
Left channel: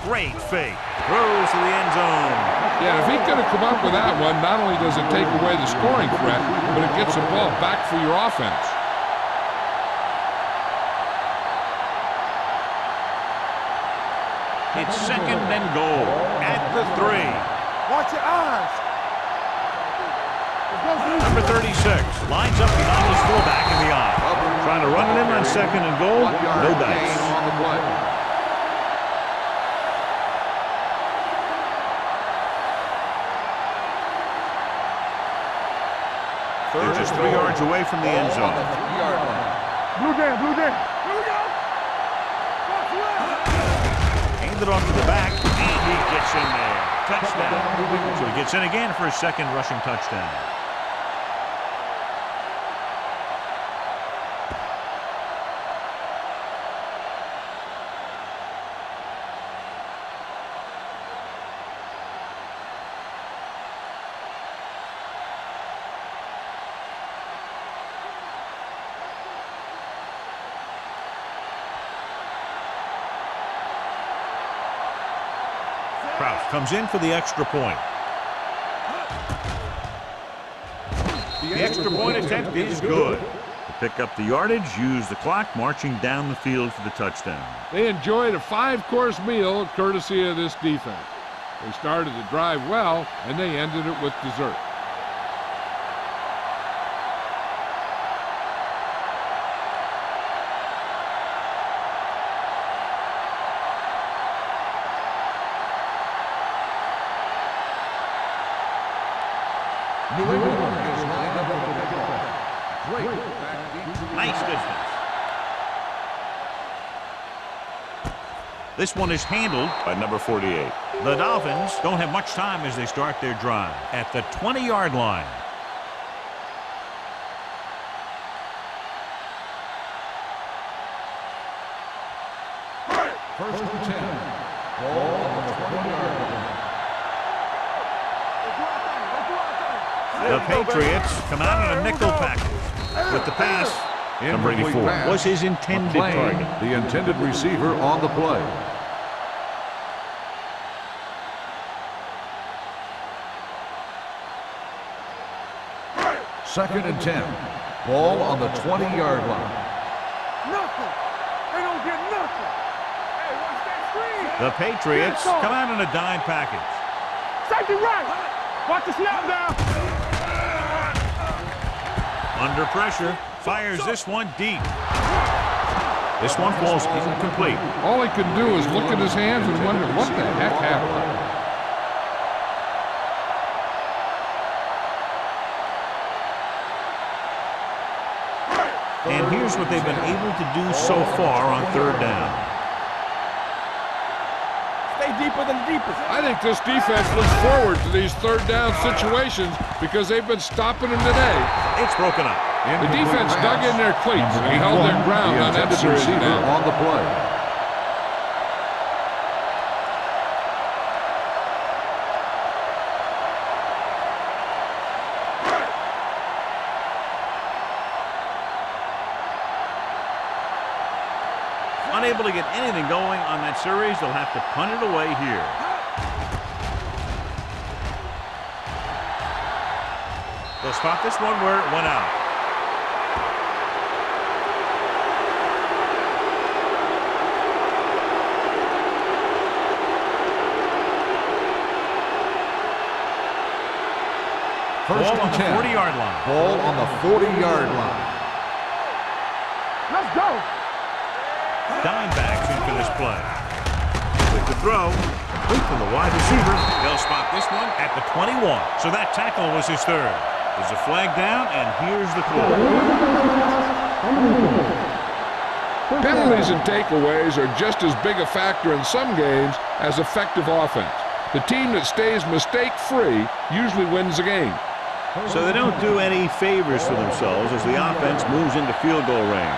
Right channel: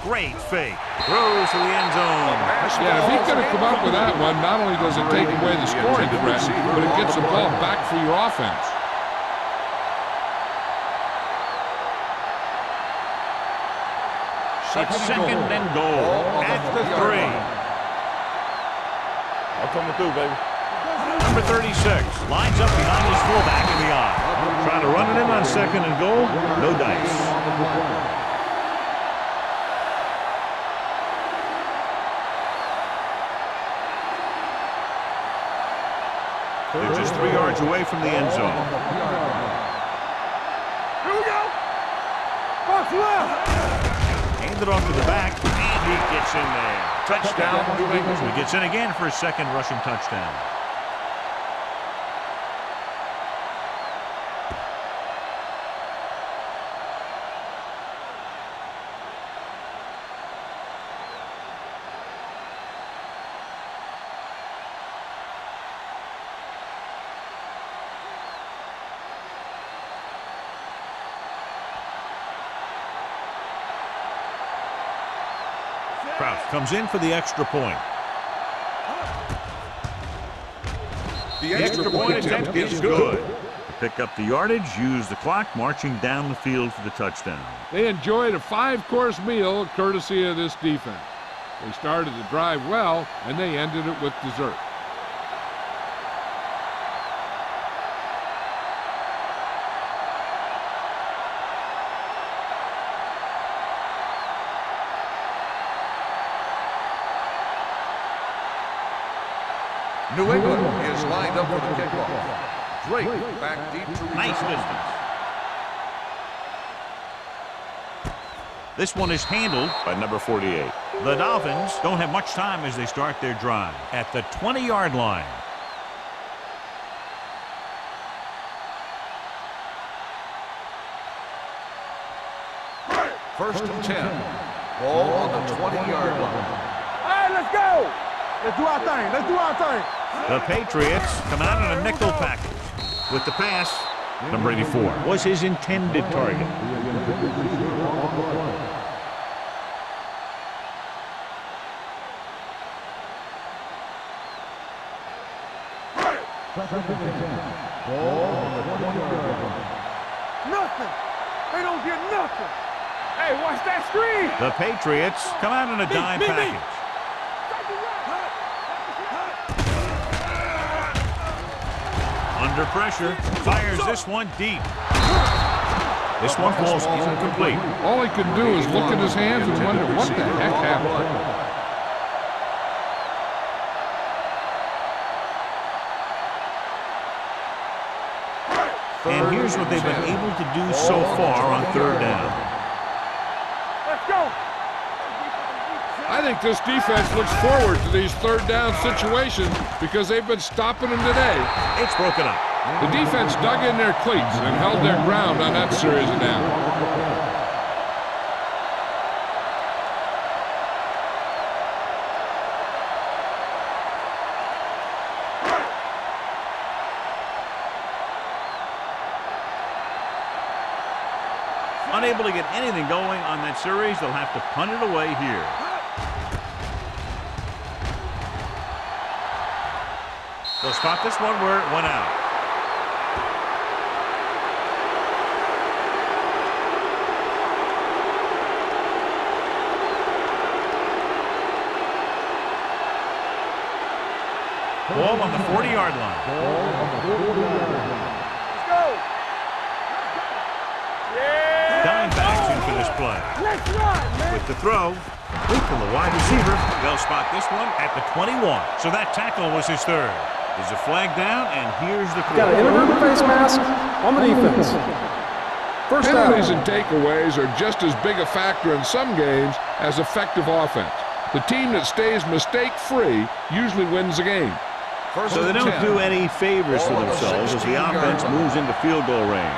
Great fake. Throws to the end zone. Yeah, if he could have come up with that one, not only does it take away the scoring threat, but it gets the ball back for your offense. It's 2nd and goal at the 3. Watch your eyes. That's coming through, baby. Number 36 lines up behind his fullback in the I. Trying to run it in on 2nd and goal. No dice. They're just 3 yards away from the end zone. Blue jam, blue jam. Here we go. Box left. Hand it off to the back, and he gets in there. Touchdown, New England. So he gets in again for his 2nd rushing touchdown. Kraus comes in for the extra point. The extra point attempt is good. To pick up the yardage, use the clock, marching down the field for the touchdown. They enjoyed a 5-course meal courtesy of this defense. They started the drive well, and they ended it with dessert. New England is lined up for the kickoff. Drake back deep to return. Nice distance. This one is handled by number 48. The Dolphins don't have much time as they start their drive at the 20-yard line. First and 10. Ball on the 20-yard line. Hey, let's go. Let's do our thing. Let's do our thing. The Patriots come out in a nickel package with the pass. Number 84 was his intended target. The intended receiver on the play. Second and 10. Ball on the 20-yard line. Nothing. They don't get nothing. Hey, watch that screen. The Patriots come out in a dime package. Safety right. Watch the snap down. Under pressure, fires this one deep. This one falls incomplete. All he can do is look at his hands and wonder what the heck happened. And here's what they've been able to do so far on third down. Let's go. Stay deeper than the deepest. I think this defense looks forward to these third down situations because they've been stopping them today. It's broken up. The defense dug in their cleats and held their ground on that series down. On the play. Unable to get anything going on that series, they'll have to punt it away here. They'll spot this one where it went out. Ball on the 40-yard line. Ball on the 40-yard line. Let's go. Let's go. Dime backs in for this play. With the throw, complete to the wide receiver. They'll spot this one at the 21. So that tackle was his third. There's a flag down, and here's the Got throw. an the face mask on the defense. First Penalties down. and takeaways are just as big a factor in some games as effective offense. The team that stays mistake-free usually wins the game. So they don't do any favors for themselves as the offense moves into field goal range.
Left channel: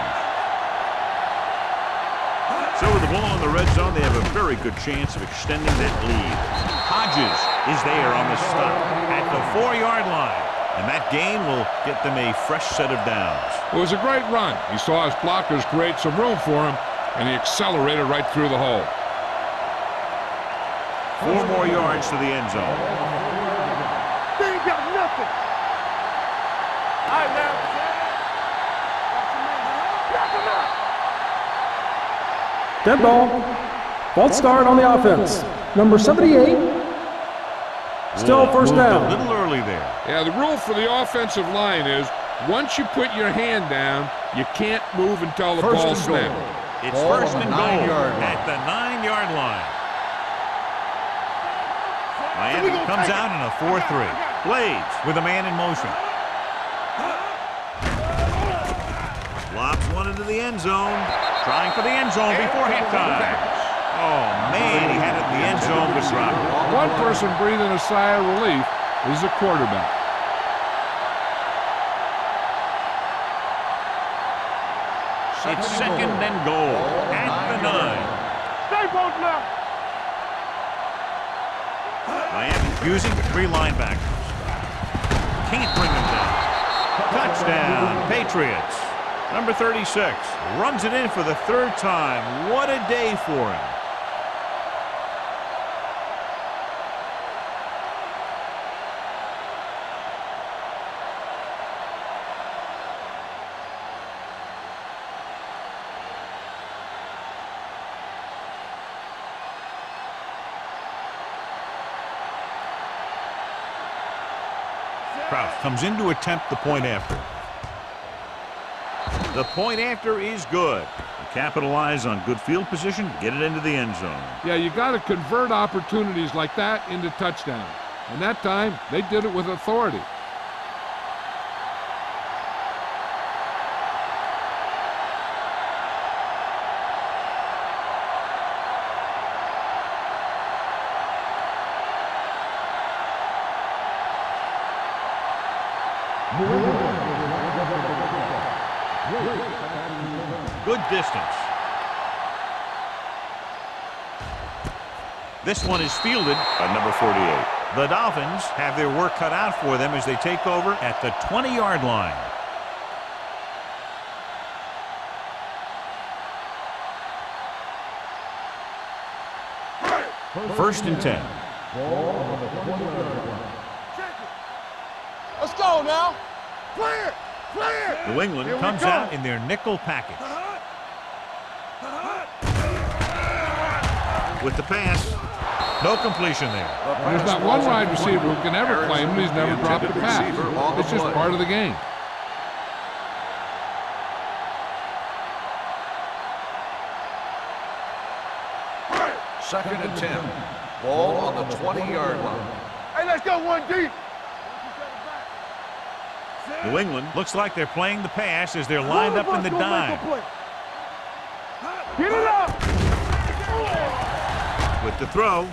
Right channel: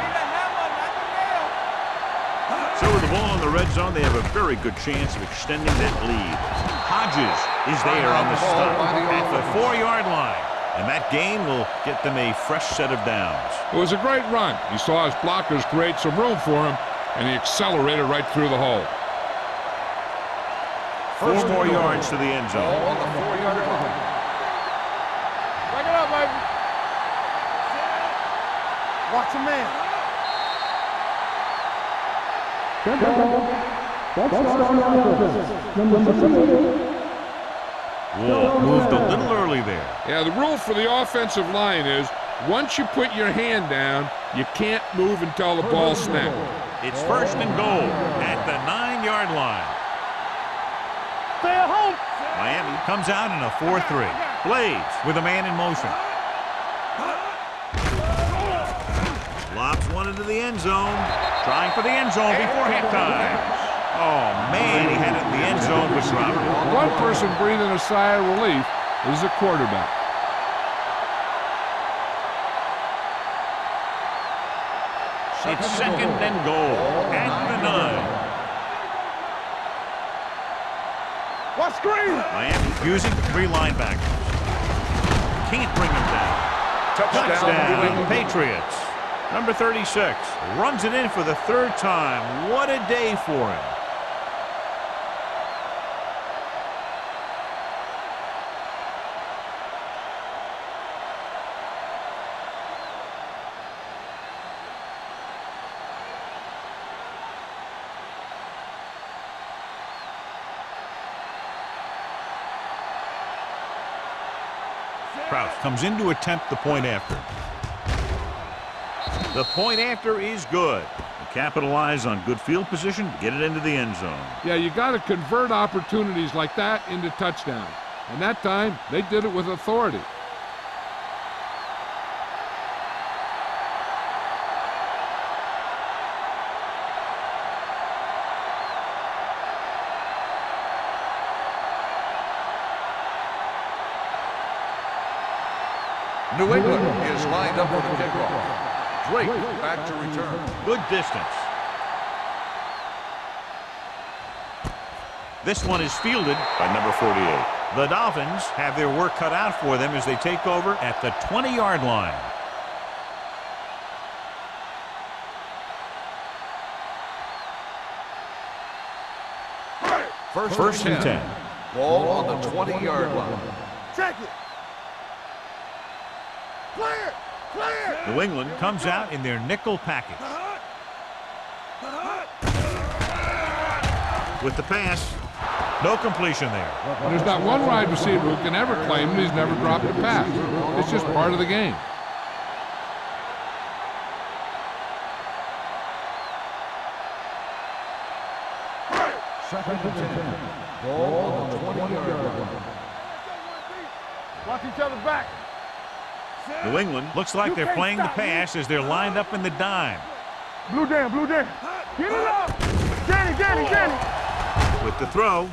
So with the ball in the red zone, they have a very good chance of extending that lead. Hodges is there on the stop at the 4-yard line. And that gain will get them a fresh set of downs. It was a great run. He saw his blockers create some room for him, and he accelerated right through the hole. 4 more yards to the end zone. On the 4-yard line. They ain't got nothing. Back it up, baby. All right, now. Set. Watch your man. Dead ball. False start on the offense. Number 78. Still first moved down. a little early there. Yeah, the rule for the offensive line is once you put your hand down, you can't move until the ball snaps. It's first and goal at the 9-yard line. Miami comes out in a 4-3. Blades with a man in motion. Lobs one into the end zone. Trying for the end zone before halftime. Oh, man, he had it in the end zone but dropped it. One person breathing a sigh of relief is the quarterback. It's second and goal at the 9. Watch screen. Miami using 3 linebackers. Can't bring them down. Touchdown, Patriots. Number 36 runs it in for the 3rd time. What a day for him. Kraus comes in to attempt the point after. The point after is good. They capitalize on good field position, get it into the end zone. Yeah, you got to convert opportunities like that into touchdowns. And that time, they did it with authority. New England is lined up for the kickoff. Drake back to return. Good distance. This one is fielded by number 48. The Dolphins have their work cut out for them as they take over at the 20-yard line. First and 10. Ball on the 20-yard line. Check it. Let's go now. Clear. Clear. New England comes out in their nickel package. With the pass, no completion there. There's not one wide receiver who can ever claim that he's never dropped a pass. It's just part of the game. Second and 10. Ball on the 20-yard line. Hey, let's go one deep. Watch each other back. New England looks like they're playing the pass as they're lined up in the dime. Blue down, blue down. Get it up. Danny. With the throw.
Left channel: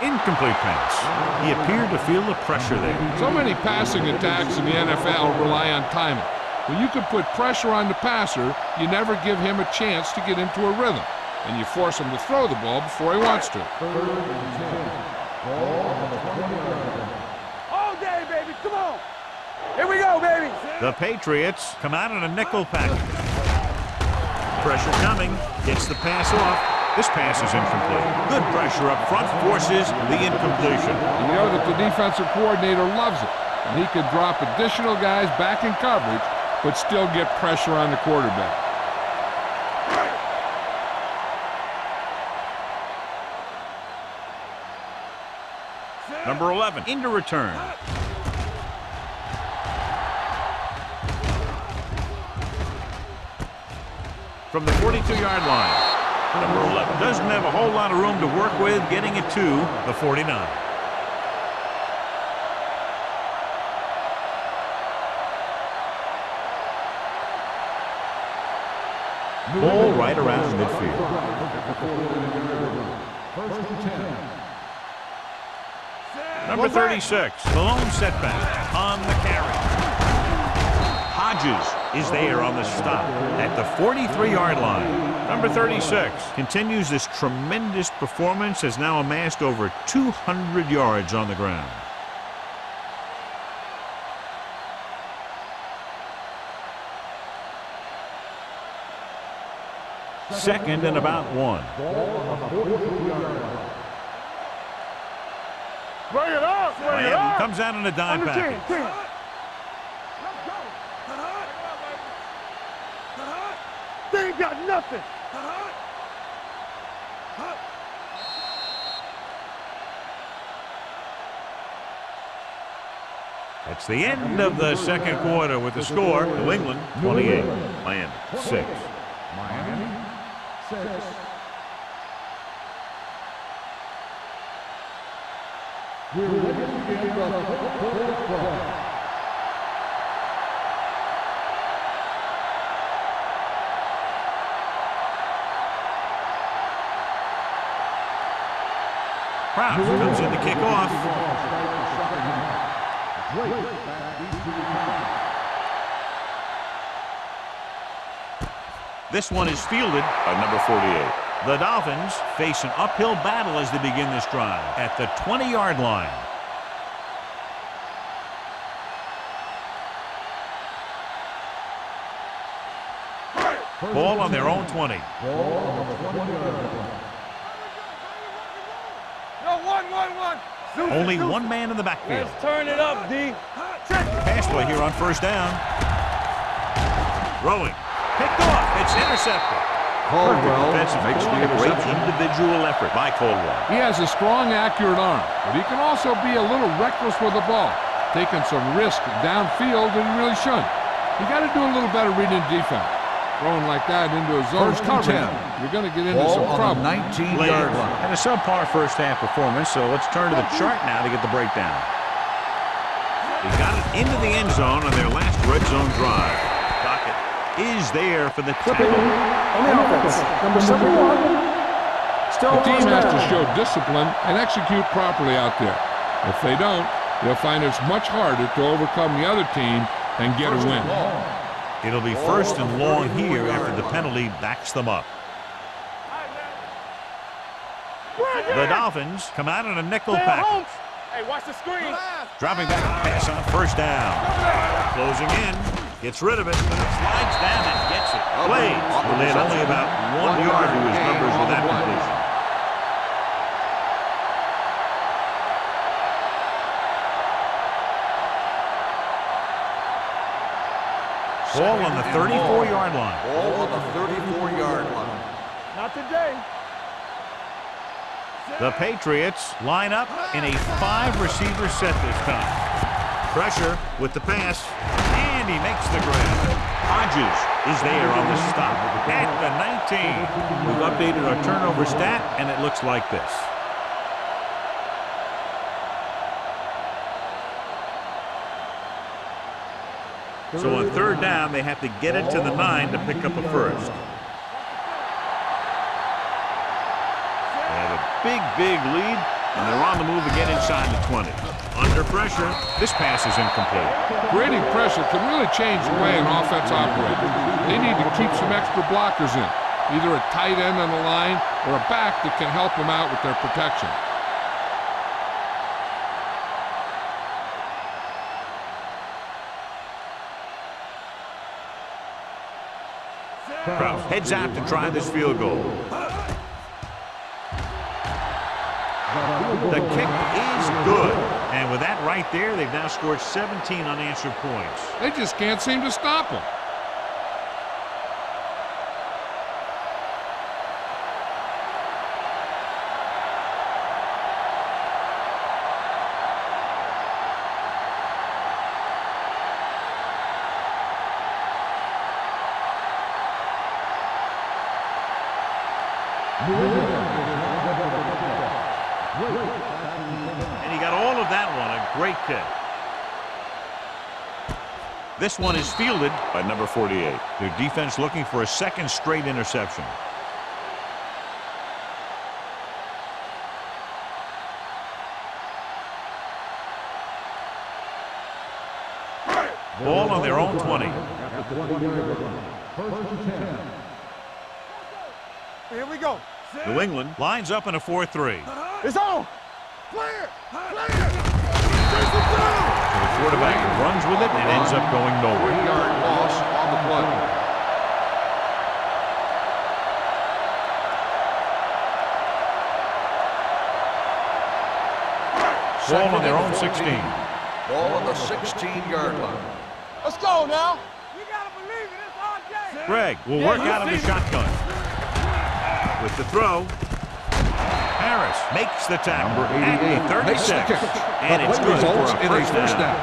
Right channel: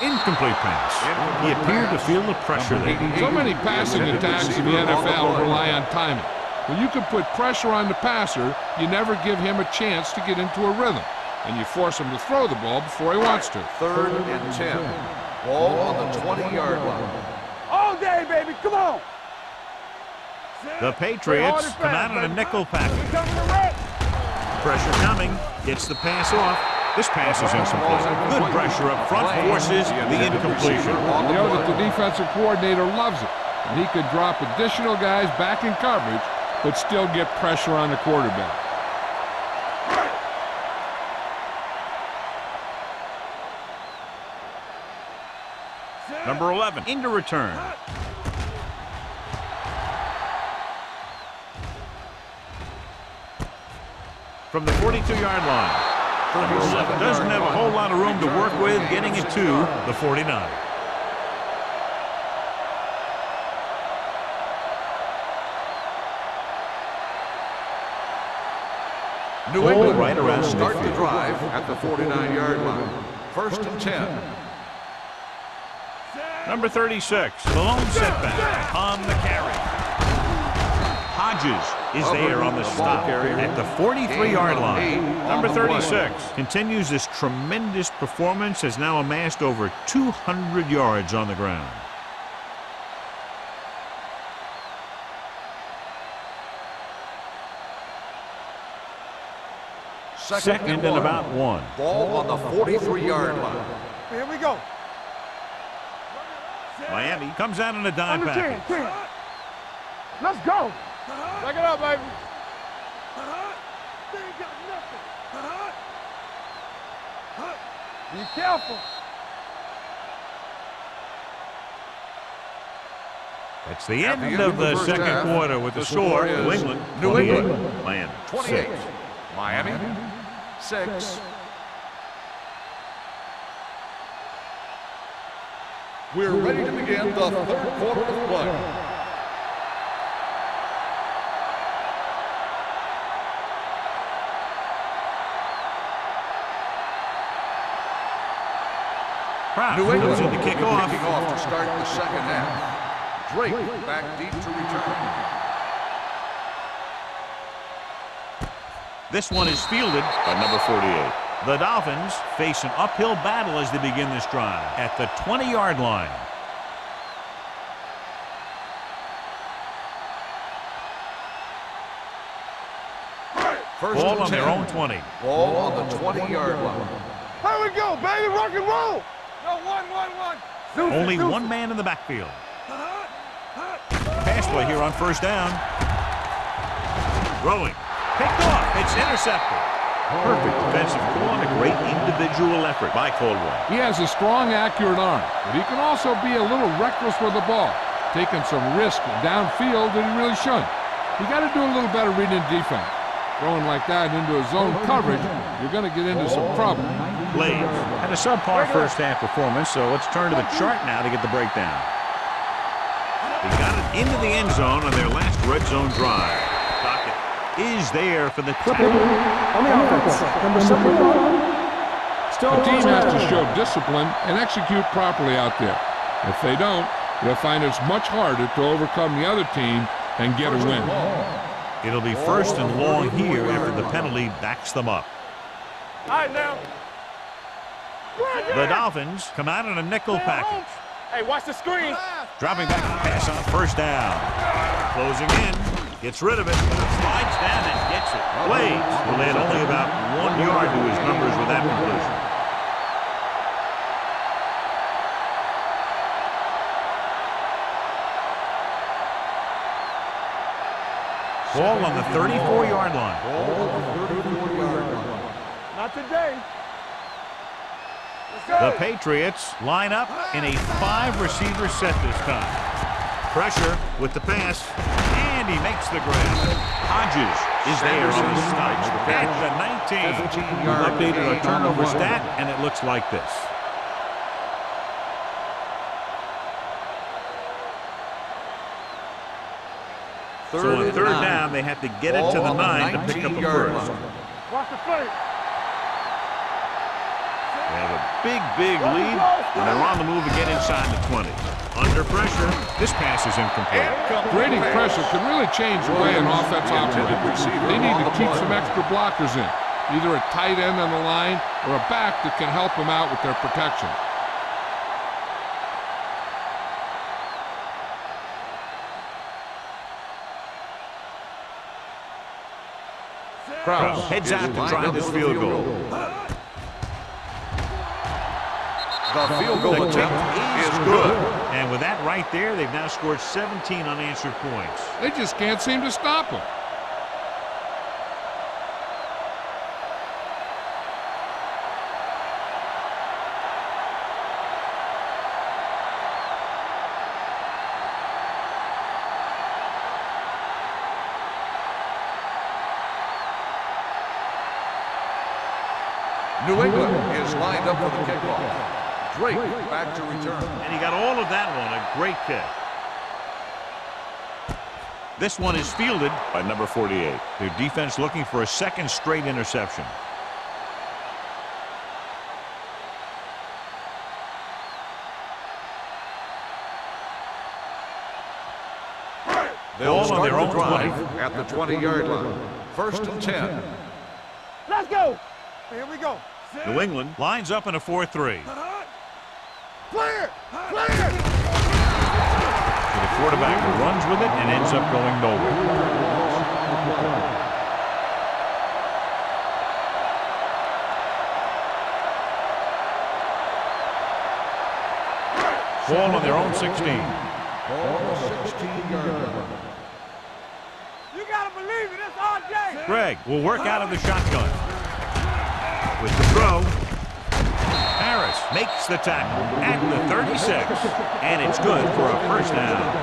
Incomplete pass. He appeared to feel the pressure there. So many passing attacks in the NFL rely on timing. When you can put pressure on the passer, you never give him a chance to get into a rhythm, and you force him to throw the ball before he wants to. 3rd and 10. Ball on the 20-yard line. All day, baby. Come on. Here we go, baby. The Patriots come out in a nickel package. Pressure coming. Gets the pass off. This pass is incomplete. Good pressure up front forces the incompletion. And you know that the defensive coordinator loves it. And he could drop additional guys back in coverage, but still get pressure on the quarterback. Number 11 into return. From the 42-yard line. Number 11 doesn't have a whole lot of room to work with, getting it to the 49. Ball right around midfield. Drive at the 49-yard line. 1st and 10. Number 36, the lone setback on the carry. Hodges is there on the stop at the 43-yard line. Number 36 continues this tremendous performance, has now amassed over 200 yards on the ground. Second and about 1. Ball on the 43-yard line. Here we go. Bring it up. Miami comes out in a dime package. 10. Let's go. Back it up, baby. They ain't got nothing. Be careful. That's the end of the second quarter with the score. New England 28, Miami 6. Miami 6. We're ready to begin the 3rd quarter of play. Kraft comes in to kick off. To start the second half. Drake back deep to return. This one is fielded by number 48. The Dolphins face an uphill battle as they begin this drive at the 20-yard line. Ball on their own 20. Ball on the 20-yard line. Here we go, baby. Rock and roll. No, 1. Only one man in the backfield. Turn it up, D. Pass play here on first down. Throwing. Picked off. It's intercepted. Perfect defensive call and a great individual effort by Caldwell. He has a strong, accurate arm, but he can also be a little reckless with the ball, taking some risk downfield that he really shouldn't. You got to do a little better reading defense. Throwing like that into a zone's coverage, you're going to get into some trouble. Blades had a subpar first half performance, so let's turn to the chart now to get the breakdown. They got it into the end zone on their last red zone drive. Dockett is there for the Flipping tackle. on the offense. Number 71. Still The team first has to down. show discipline and execute properly out there. If they don't, they'll find it's much harder to overcome the other team and get a win. It'll be first and long here after the penalty backs them up. The Dolphins come out in a nickel package. Hey, watch the screen. Dropping back to pass on first down. Closing in. Gets rid of it. Slides down and gets it. Blades will add only about 1 yard to his numbers with that completion. Ball on the 34-yard line. Ball on the 34-yard line. Not today. The Patriots line up in a 5-receiver set this time. Pressure with the pass, and he makes the grab. Hodges is there on the stop at the 19. We've updated our turnover stat, and it looks like this. So on third down, they have to get it to the 9 to pick up a first. They have a big lead, and they're on the move again inside the 20. Under pressure, this pass is incomplete. Creating pressure can really change the way an offense operates. They need to keep some extra blockers in, either a tight end on the line or a back that can help them out with their protection. Krause heads out to try this field goal. The kick is good. And with that right there, they've now scored 17 unanswered points. They just can't seem to stop them. New England is lined up for the kickoff. Drake back to return. And he got all of that one, a great kick. This one is fielded by number 48. Their defense looking for a second straight interception. Ball on their own 20. At the 20-yard line. First and 10. Let's go. Here we go. New England lines up in a 4-3. It's on. Clear. Clear. So the quarterback runs with it and ends up going nowhere. 1-yard loss on the play. Ball on their own 16. Ball on the 16-yard line. Let's go now. You gotta believe it. It's our day. Greg will work out of the shotgun. With the throw, Harris makes the tackle at the 36. And it's good for a first down.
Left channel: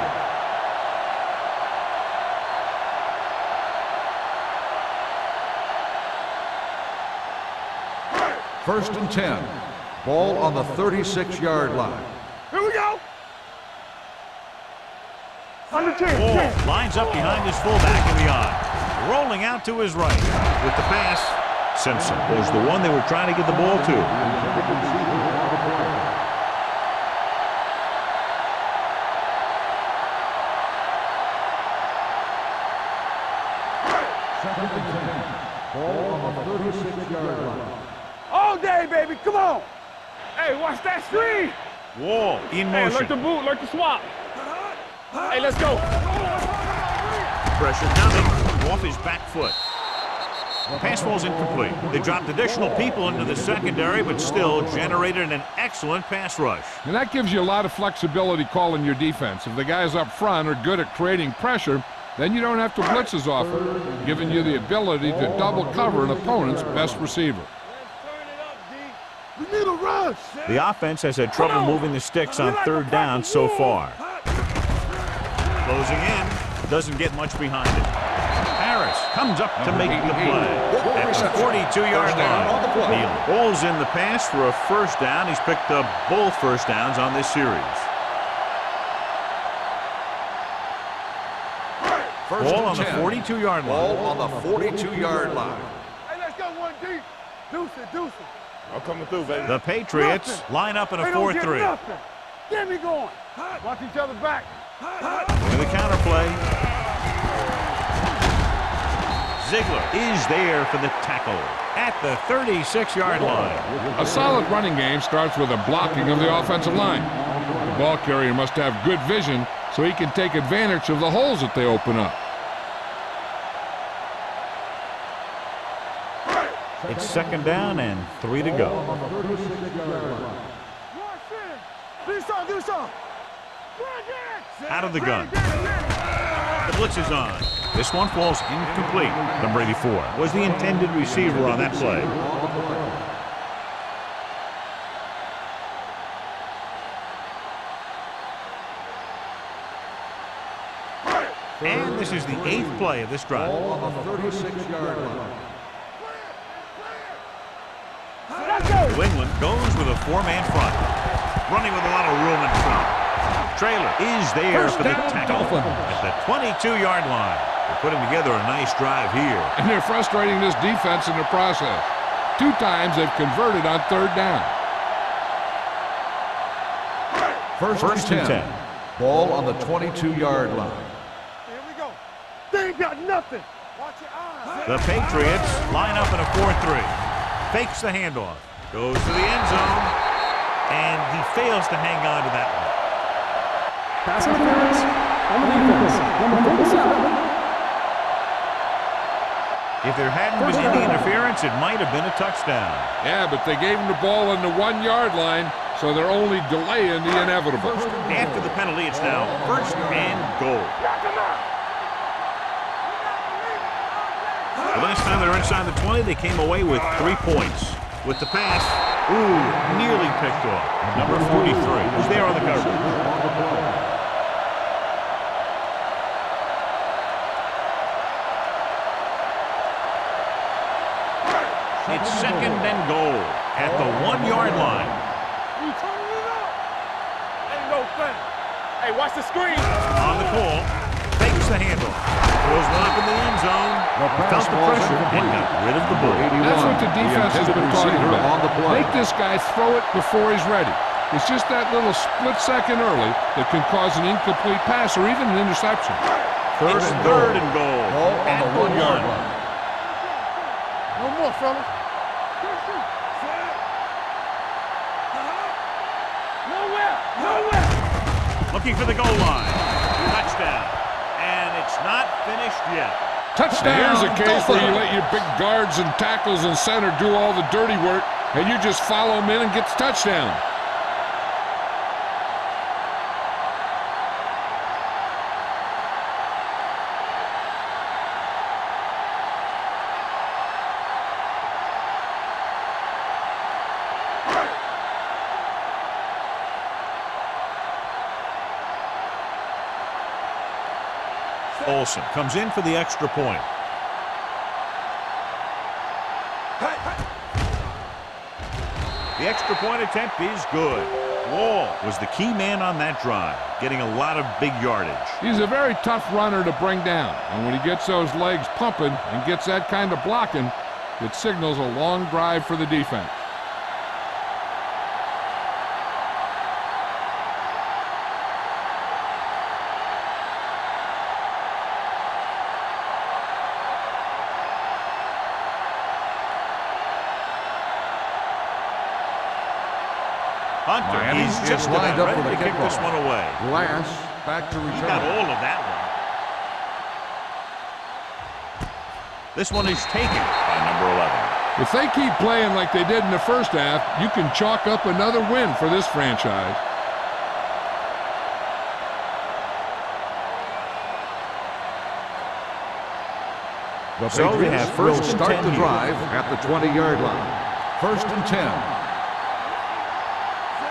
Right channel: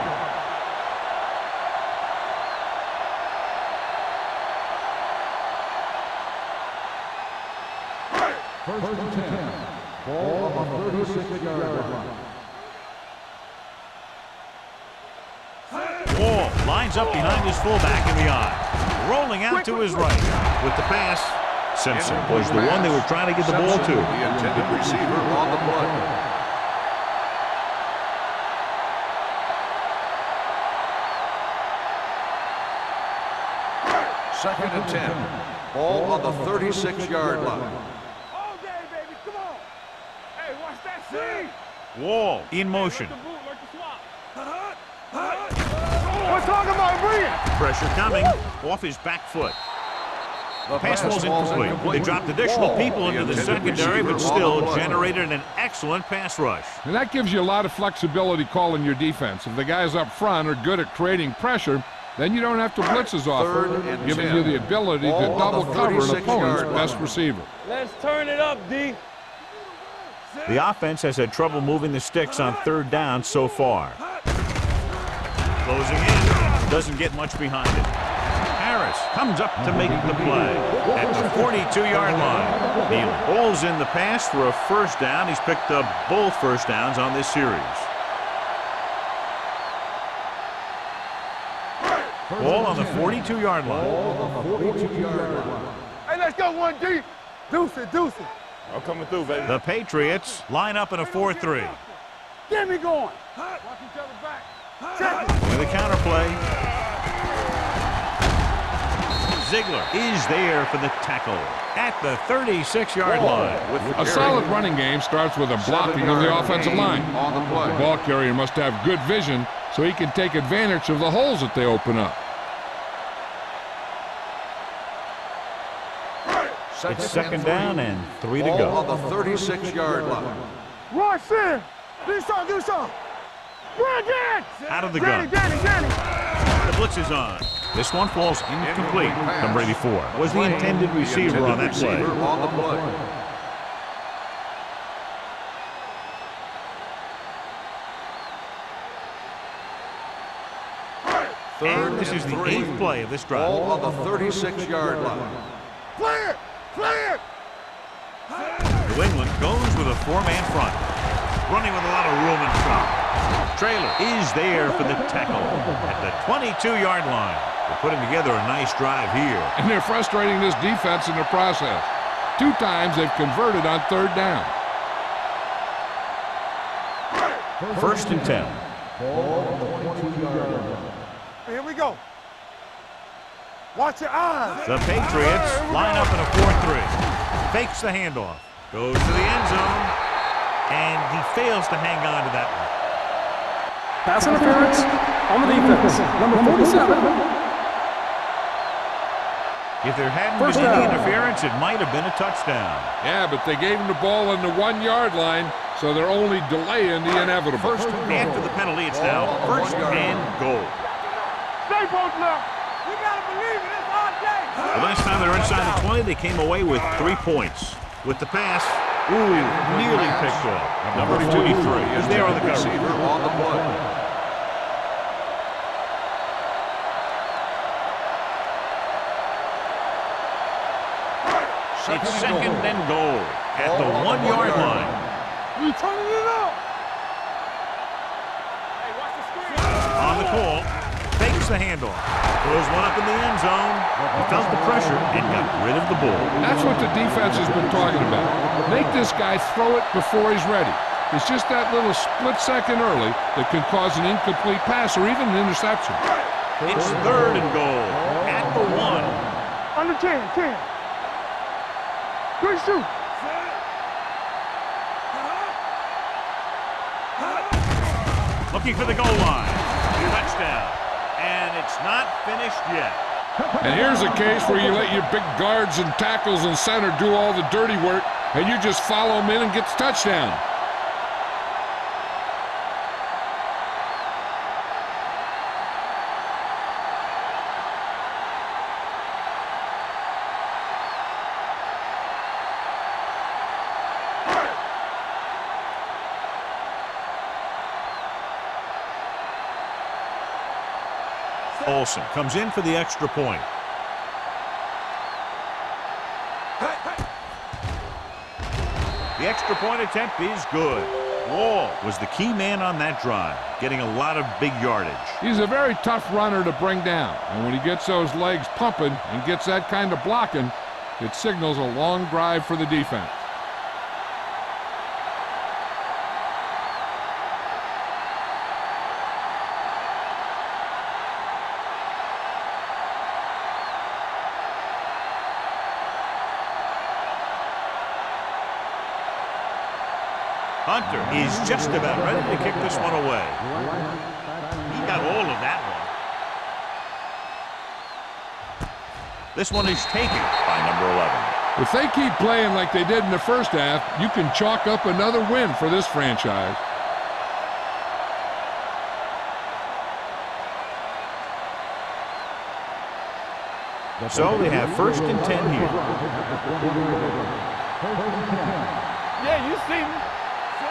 First and 10. Ball on the 36-yard line. Here we go. Ball lines up behind his fullback in the eye. Rolling out to his right. With the pass, Simpson was the one they were trying to get the ball to. The intended receiver on the play. Second and 10. Ball on the 36-yard line. All day, baby. Come on. Hey, watch that screen. Wall in motion. boot, like the swap. Hey, let's go. We're talking about bringing. Pressure coming off his back foot. Pass ball's incomplete. They dropped additional people into the secondary, but still generated an excellent pass rush. And that gives you a lot of flexibility calling your defense. If the guys up front are good at creating pressure, then you don't have to blitz as often, giving you the ability to double cover an opponent's best receiver. Let's turn it up, D. We need a rush. The offense has had trouble moving the sticks on third down so far. Closing in, doesn't get much behind it. Harris comes up to make the play at the 42-yard line. He pulls in the pass for a first down. He's picked up both first downs on this series. Ball on the 42-yard line. Ball on the 42-yard line. Hey, let's go one deep. Deuce it. I'm coming through, baby. The Patriots line up in a 4-3. Get me going. Watch each other back. With a counterplay. Ziegler is there for the tackle at the 36-yard line. A solid running game starts with a blocking of the offensive line. The ball carrier must have good vision so he can take advantage of the holes that they open up. It's second down and 3 to go. On the 36-yard line. Watch in. Do something. Out of the gun. The blitz is on. This one falls incomplete. Number 84 was the intended receiver on that play. And this is the 8th play of this drive. Ball on the 36-yard line. Clear. New England goes with a 4-man front. Running with a lot of room in front. Trailer is there for the tackle at the 22-yard line. They're putting together a nice drive here. And they're frustrating this defense in the process. 2 times they've converted on 3rd down. First and 10. Ball on the 22-yard line. Here we go. They ain't got nothing. Watch your eyes. The Patriots line up in a 4-3. Fakes the handoff. Goes to the end zone. And he fails to hang on to that one. Pass interference on the defense. Number 47. If there hadn't been any interference, it might have been a touchdown. Yeah, but they gave him the ball on the 1-yard line, so they're only delaying the inevitable. After the penalty, it's now 1st and goal. The last time they were inside the 20, they came away with 3 points. With the pass, nearly picked off. Number 43 is there on the coverage. It's 2nd and goal at the 1-yard line. We turning it up. Ain't no thing. Hey, watch the screen. On the call, fakes the handoff. Throws one up in the end zone. He felt the pressure and got rid of the ball. That's what the defense has been talking about. Make this guy throw it before he's ready. It's just that little split second early that can cause an incomplete pass or even an interception. It's 3rd and goal at the 1. On the 10. No more, fellas. Good shoot. Looking for the goal line. Touchdown. And it's not finished yet. Touchdown. And here's a case where you let your big guards and tackles and center do all the dirty work, and you just follow them in and get the touchdown. Olsen comes in for the extra point. The extra point attempt is good. Wall was the key man on that drive, getting a lot of big yardage. He's a very tough runner to bring down, and when he gets those legs pumping and gets that kind of blocking, it signals a long drive for the defense. Hunter is just about ready to kick this one away. He got all of that one. This one is taken by number 11. If they keep playing like they did in the first half, you can chalk up another win for this franchise. So they have 1st and 10 here. At the 20-yard line. 1st and 10.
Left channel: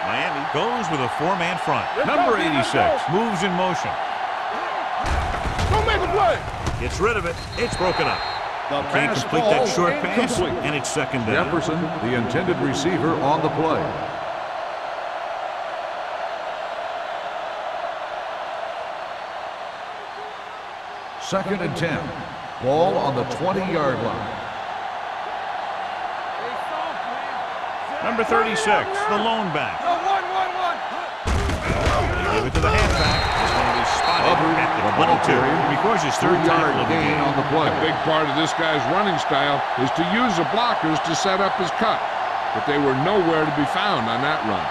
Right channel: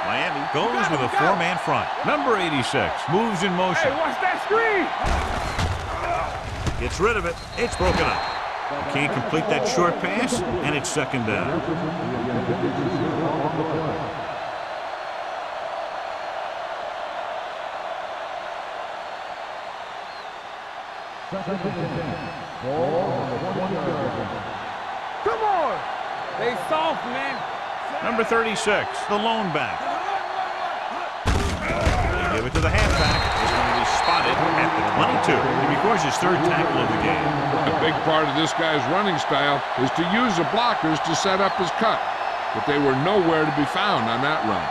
Miami goes with a 4-man front. Number 86 moves in motion. Hey, watch that screen. Don't make it play. Gets rid of it. It's broken up. He can't complete that short pass, and it's 2nd down. Jefferson, the intended receiver, on the play. Second and 10. Ball on the 20-yard line. Come on. They soft, man. Number 36, the lone back. 1. They give it to the halfback. This one will be spotted at the 22. He records his 3rd tackle of the game. A big part of this guy's running style is to use the blockers to set up his cut, but they were nowhere to be found on that run.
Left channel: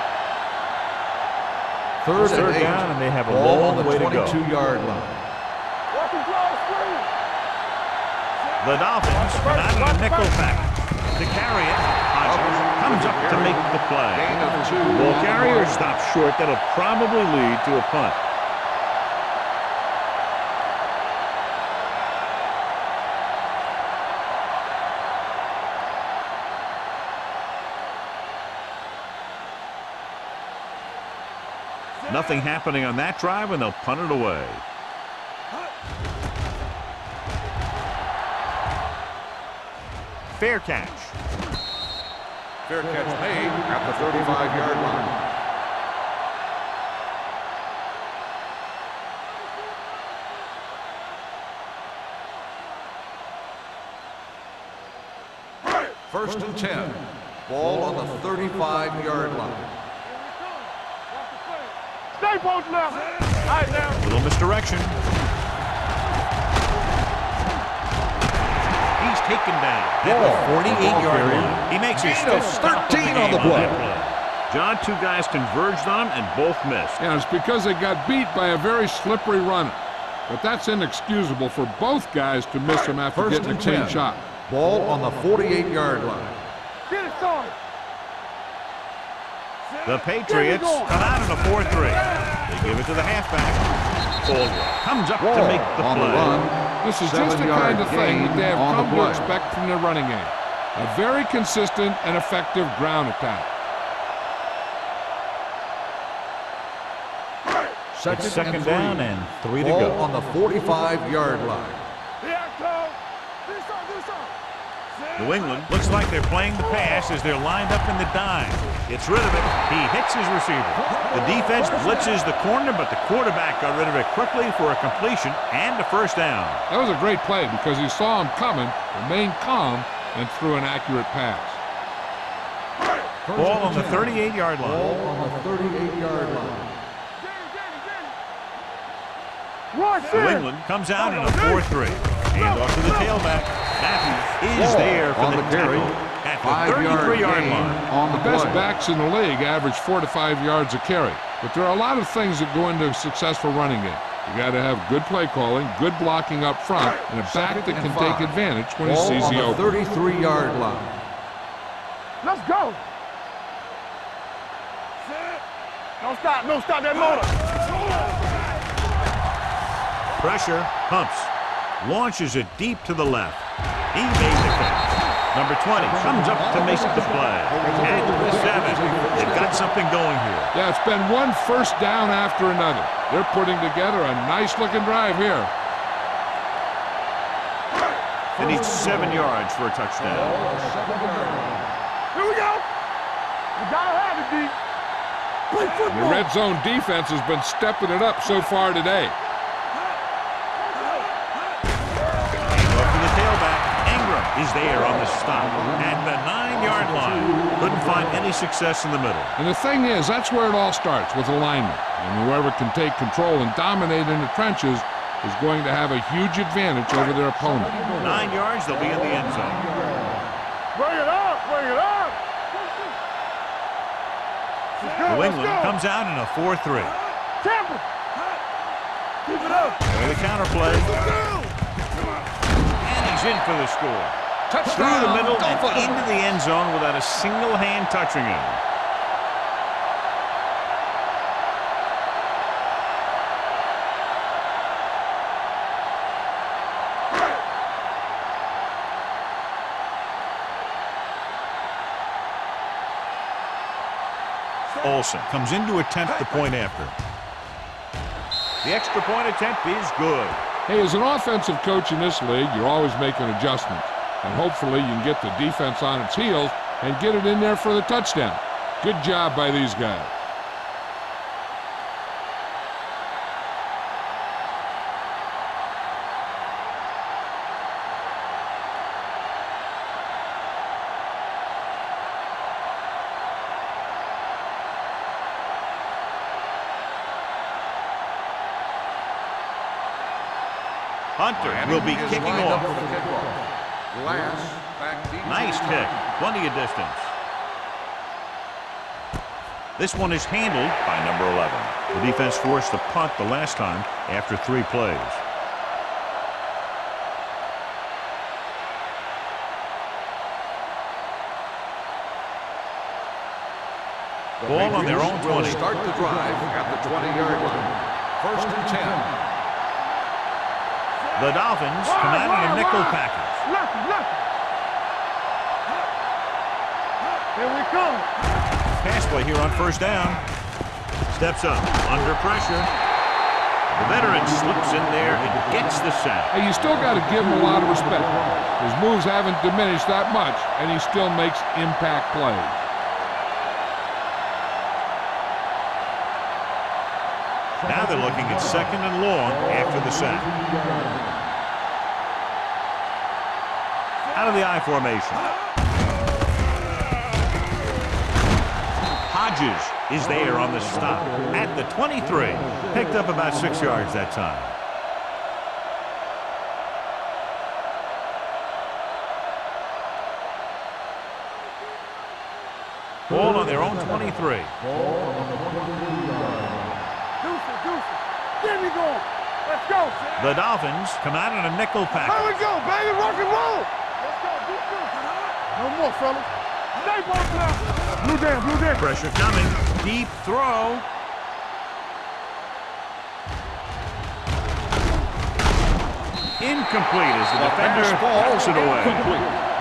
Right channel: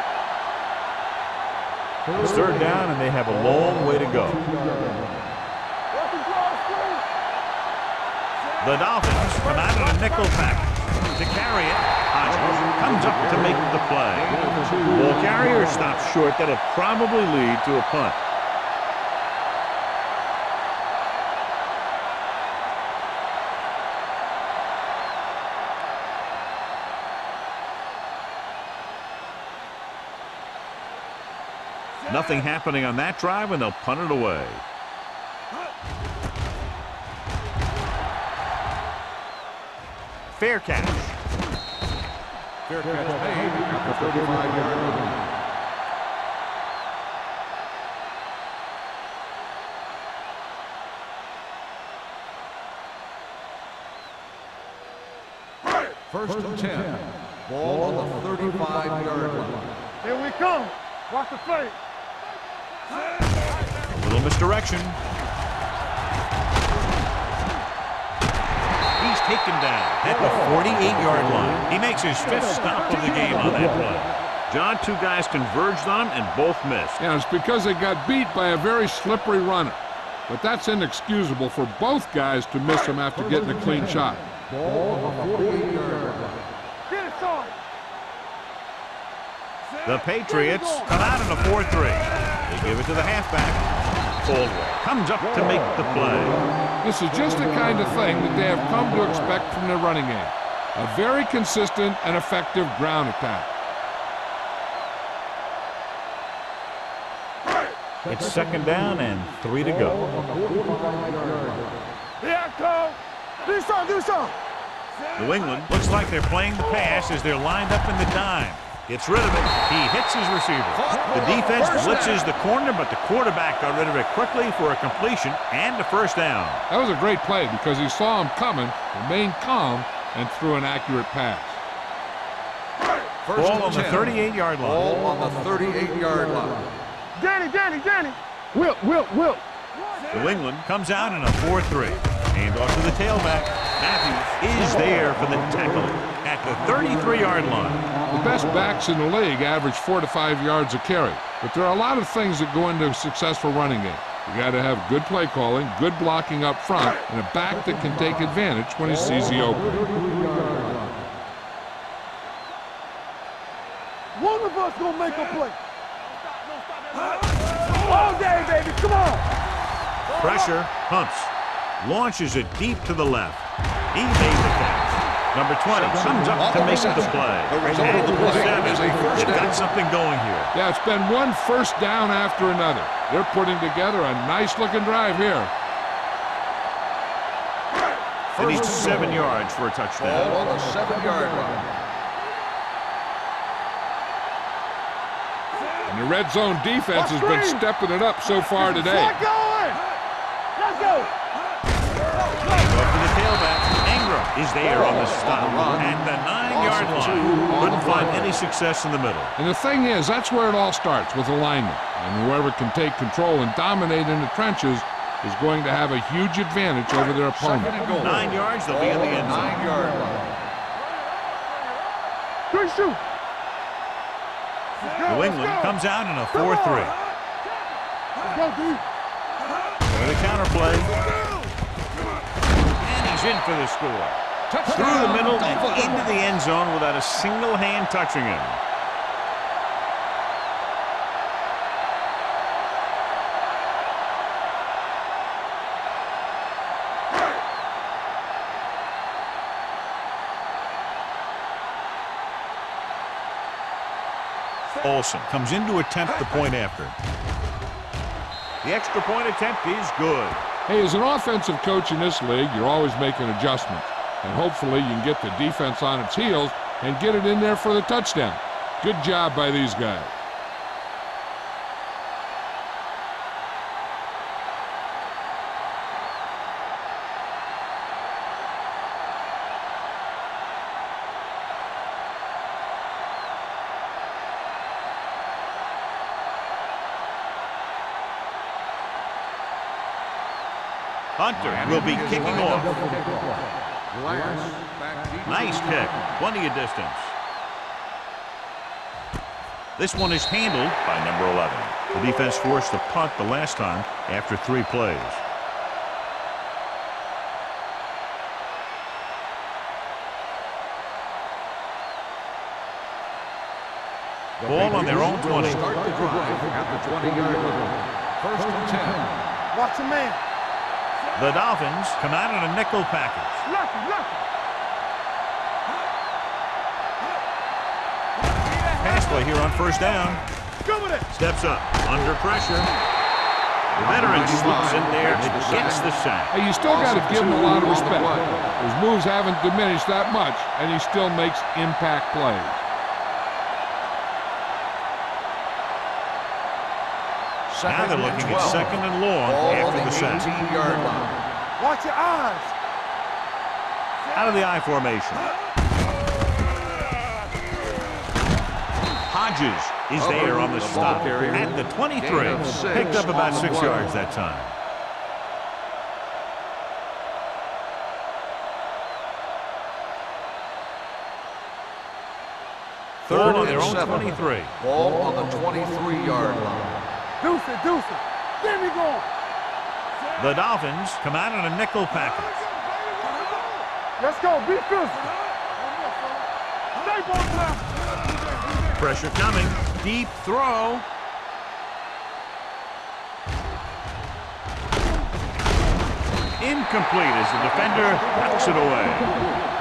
It's 3rd down, and they have a long way to go. The Dolphins come out in a nickel package. To carry it, Hodges comes up to make the play. Ball carrier stops short. That'll probably lead to a punt. Nothing happening on that drive, and they'll punt it away. Fair catch. Fair catch made at the 35-yard line. First and 10. Ball on the 35-yard line. Here we come. Watch the play. Stay both left. Little misdirection. He's taken down at the 48-yard line. He makes his fifth stop of the game on that play. John, two guys converged on him and both missed. Yeah, it's because they got beat by a very slippery runner. But that's inexcusable for both guys to miss him after getting a clean shot. Ball on the 48-yard line. Get it started. The Patriots come out in a 4-3. They give it to the halfback. Caldwell comes up to make the play. This is just the kind of thing that they have come to expect from their running game. A very consistent and effective ground attack. It's second down and 3 to go. On the 45-yard line. Here it comes. Do something. New England looks like they're playing the pass as they're lined up in the dime. Gets rid of it. He hits his receiver. The defense blitzes the corner, but the quarterback got rid of it quickly for a completion and a first down. That was a great play because he saw him coming, remained calm, and threw an accurate pass. Ball on the 38-yard line. Ball on the 38-yard line. Danny. Will. New England comes out in a 4-3. Hand off to the tailback. Matthews is there for the tackle at the 33-yard line. The best backs in the league average 4 to 5 yards a carry. But there are a lot of things that go into a successful running game. You got to have good play calling, good blocking up front, and a back that can take advantage when he sees the opening. 33-yard line. Let's go. One of us gonna make a play. No stop that noise. Come on. Pressure, humps, launches it deep to the left. He made the catch. Number 20 comes up to make the play. At the 7, they've got something going here. Yeah, it's been one first down after another. They're putting together a nice-looking drive here. They need 7 yards for a touchdown. Ball on the 7-yard line. Here we go. You gotta have it, D. And the red zone defense has been stepping it up so far today. Let's go. Off to the tailback. Ingram is there on the stop at the 9-yard line. Couldn't find any success in the middle. And the thing is, that's where it all starts, with alignment. And whoever can take control and dominate in the trenches is going to have a huge advantage over their opponent. 9 yards, they'll be in the end zone. 9-yard line. Bring it up. Quick shoot. New England comes out in a 4-3. With a counter play. And he's in for the score. Through the middle and into the end zone without a single hand touching him. Olsen comes in to attempt the point after. The extra point attempt is good. Hey, as an offensive coach in this league, you're always making adjustments. And hopefully you can get the defense on its heels and get it in there for the touchdown. Good job by these guys. Hunter will be kicking off. Glass back deep. Nice kick. Plenty of distance. This one is handled by number 11. The defense forced a punt the last time after 3 plays. Ball on their own 20. Will start the drive at the 20-yard line. First and 10. Watch your man. The Dolphins come out in a nickel package. Lucky. Here we come. Pass play here on first down. Steps up under pressure. The veteran slips in there and gets the sack. Hey, you still got to give him a lot of respect. His moves haven't diminished that much, and he still makes impact plays. Now they're looking at second and long after the sack. Watch your eyes. Out of the I formation. Hodges is there on the stop at the 23. Picked up about 6 yards that time. Ball on their own 23. Ball on the 23-yard line. Deuce it. Get me going. Let's go, Sam. The Dolphins come out in a nickel package. Let's go, baby. Rock and roll. Let's go. Be fierce. No more, fellas. Stay both now. Move in. Pressure coming. Deep throw. Incomplete as the defender knocks it away.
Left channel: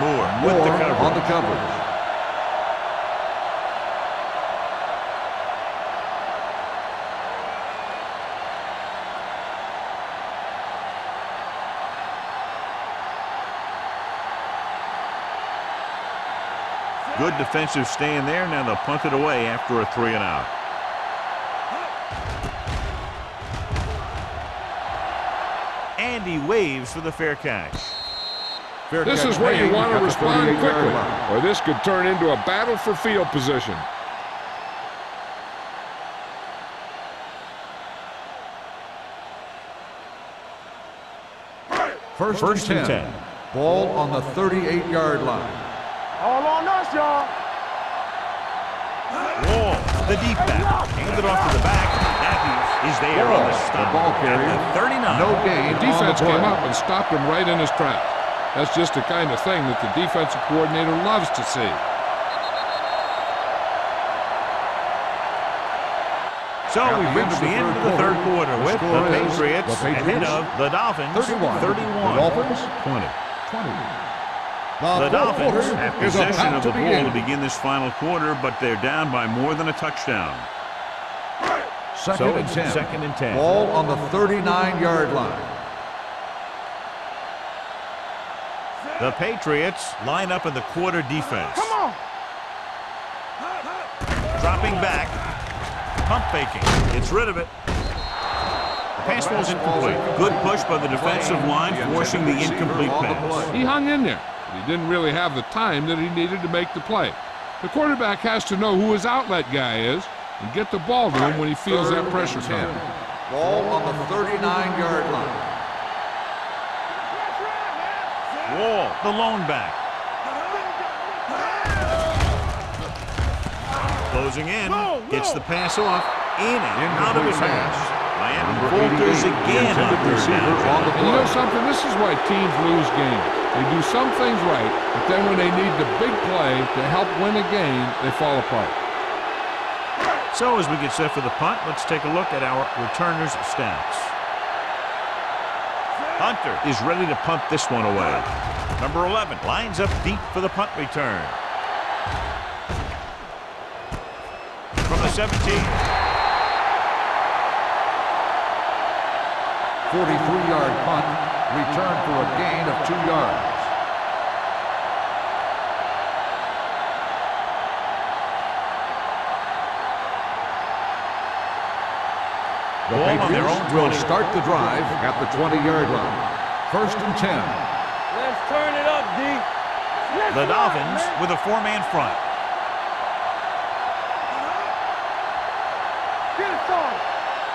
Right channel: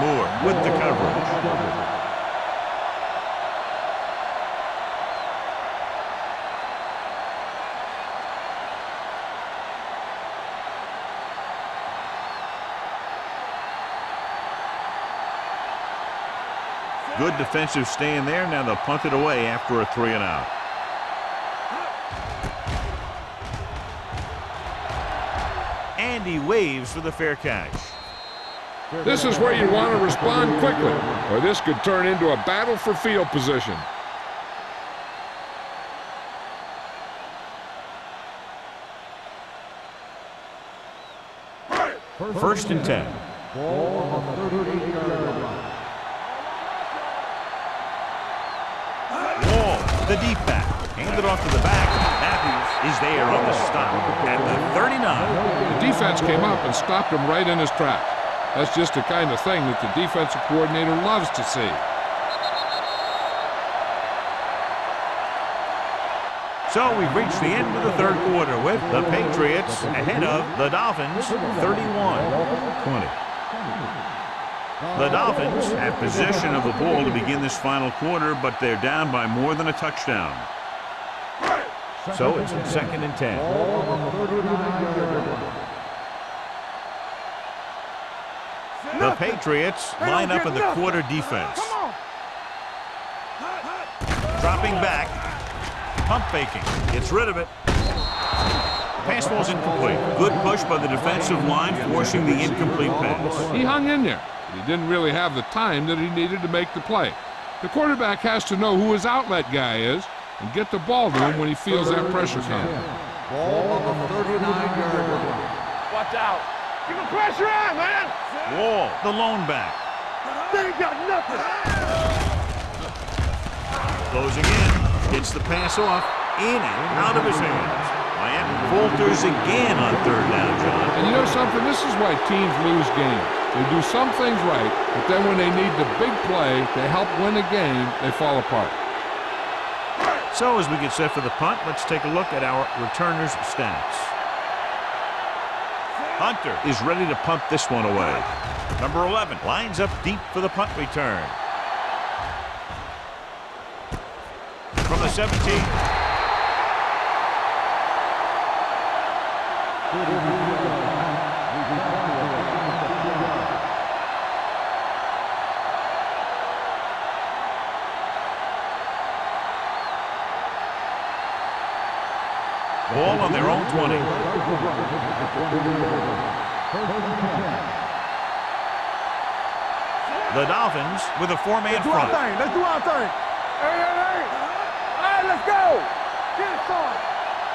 Moore with the coverage. Good defensive stand there. Now they'll punt it away after a 3 and out. And he waves for the fair catch. This is where you want to respond quickly, or this could turn into a battle for field position. First and 10. 10. Ball on the 38-yard line. All on us, y'all. Wall, the deep back. Handed off to the back. Matthews is there on the stop at the 39. The defense came up and stopped him right in his tracks. That's just the kind of thing that the defensive coordinator loves to see. So we've reached the end of the third quarter with the Patriots ahead of the Dolphins 31-20. The Dolphins have possession of the ball to begin this final quarter, but they're down by more than a touchdown. So it's 2nd and 10. Ball on the 39-yard line. The Patriots line up in the quarter defense. Come on. Dropping back. Pump faking. Gets rid of it. The pass ball's incomplete. Good push by the defensive line, forcing the incomplete pass. He hung in there, but he didn't really have the time that he needed to make the play. The quarterback has to know who his outlet guy is and get the ball to him when he feels that pressure coming. Ball on the 39-yard line. Watch out. Get the pressure out, man. Wall, the lone back. Closing in, gets the pass off, in and out of his hands. Miami falters again on 3rd down, John. And you know something? This is why teams lose games. They do some things right, but then when they need the big play to help win a game, they fall apart. So as we get set for the punt, let's take a look at our returners' stats. Hunter is ready to punt this one away. Number 11 lines up deep for the punt return. From the 17. 43-yard punt, return for a gain of 2 yards. Ball on their own 20. Start the drive at the 20-yard line. 1st and 10. Let's turn it up, D. The Dolphins with a 4-man front. Let's do our thing. Hey, let's go. Get it started.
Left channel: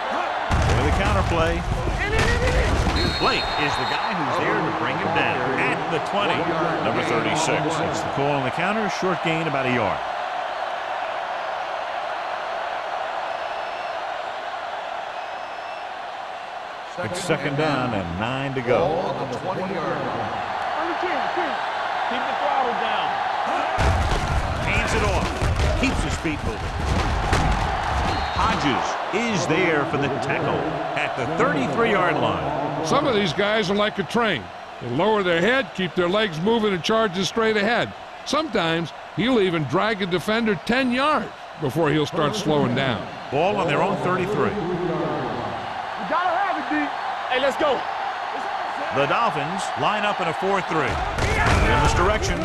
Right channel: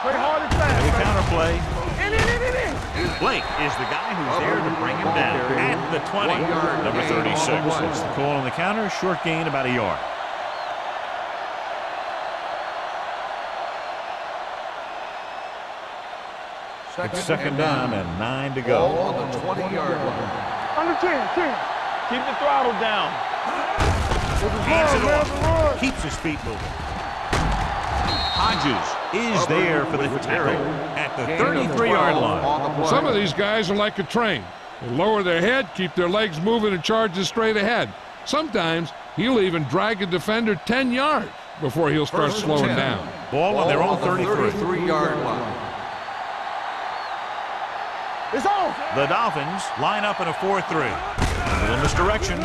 Play hard and fast. With a counterplay. In. Blake is the guy who's there to bring him down at the 20. Number 36. It's the call on the counter. Short gain about a yard. It's 2nd down and 9 to go. Ball on the 20-yard line. Under 10. Keep the throttle down. Hands it off. Keeps his feet moving. Hodges is there for the tackle at the 33-yard line. Some of these guys are like a train. They lower their head, keep their legs moving, and charge straight ahead. Sometimes he'll even drag a defender 10 yards before he'll start slowing down. Ball on their own 33. 33-yard line. Gotta have it, D. Hey, let's go. It's on, Sam. The Dolphins line up in a 4-3. In this direction.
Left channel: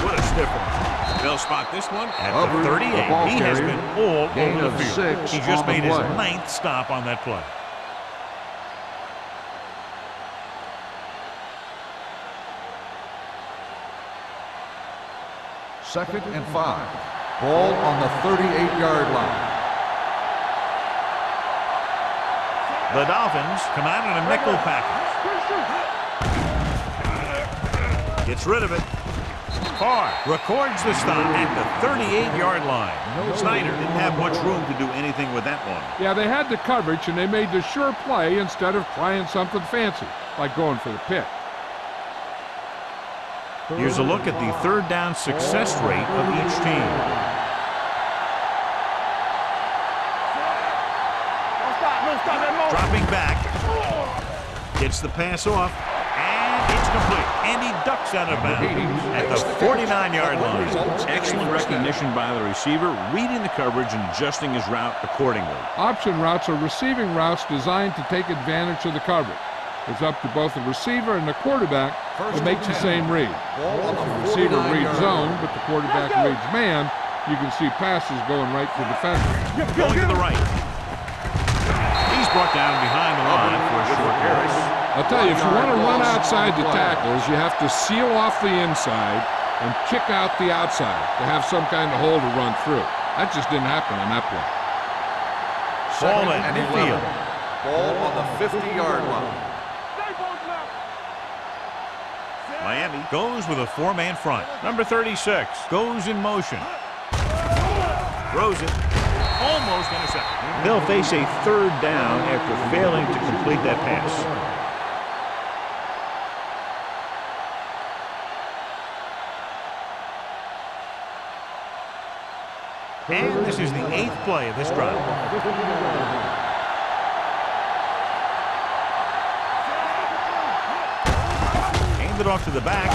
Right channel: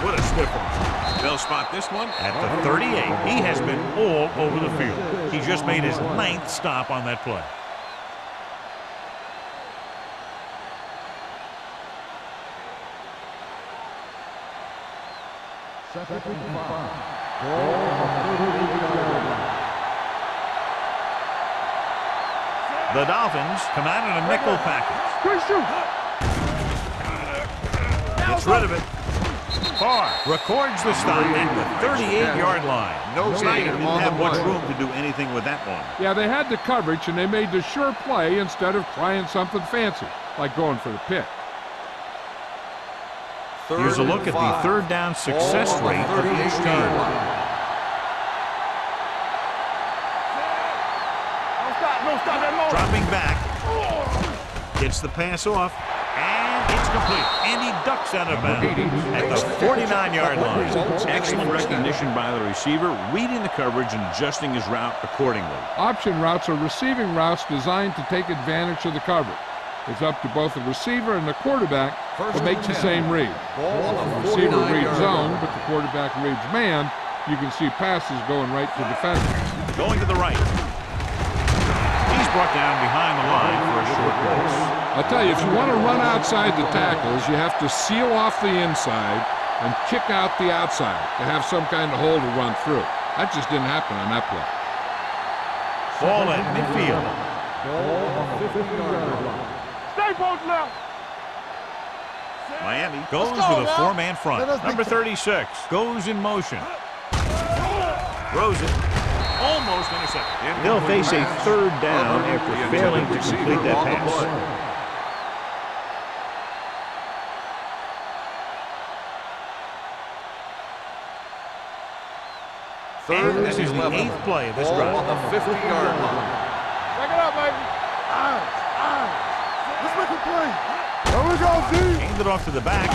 What a stiff one. They'll spot this one at the 38. He has been all over the field. He just made his 9th stop on that play. Second and 5. Ball on the 38-yard line. The Dolphins come out in a nickel package. Gets rid of it. Farr records the stop at the 38-yard line. Snyder didn't have much room to do anything with that one. Yeah, they had the coverage, and they made the sure play instead of trying something fancy, like going for the pick. Here's a look at the third down success rate of each team. Dropping back. Gets the pass off. And it's complete. And he ducks out of bounds at the 49-yard line. Excellent recognition by the receiver, reading the coverage and adjusting his route accordingly. Option routes are receiving routes designed to take advantage of the coverage. It's up to both the receiver and the quarterback to make the same read. The receiver reads zone, but the quarterback reads man. You can see passes going right to defenders. Going to the right. He's brought down behind the line for a short pass. I'll tell you, if you want to run outside the tackles, you have to seal off the inside and kick out the outside to have some kind of hole to run through. That just didn't happen on that play. Ball at midfield. Ball on the 50-yard line. Stay both left. Miami goes with a four-man front. Number 36 goes in motion. Throws it. Almost intercepted. They'll face a third down after failing to complete that pass. And this is the 8th play of this drive. On the 50-yard line. Hand it off to the back.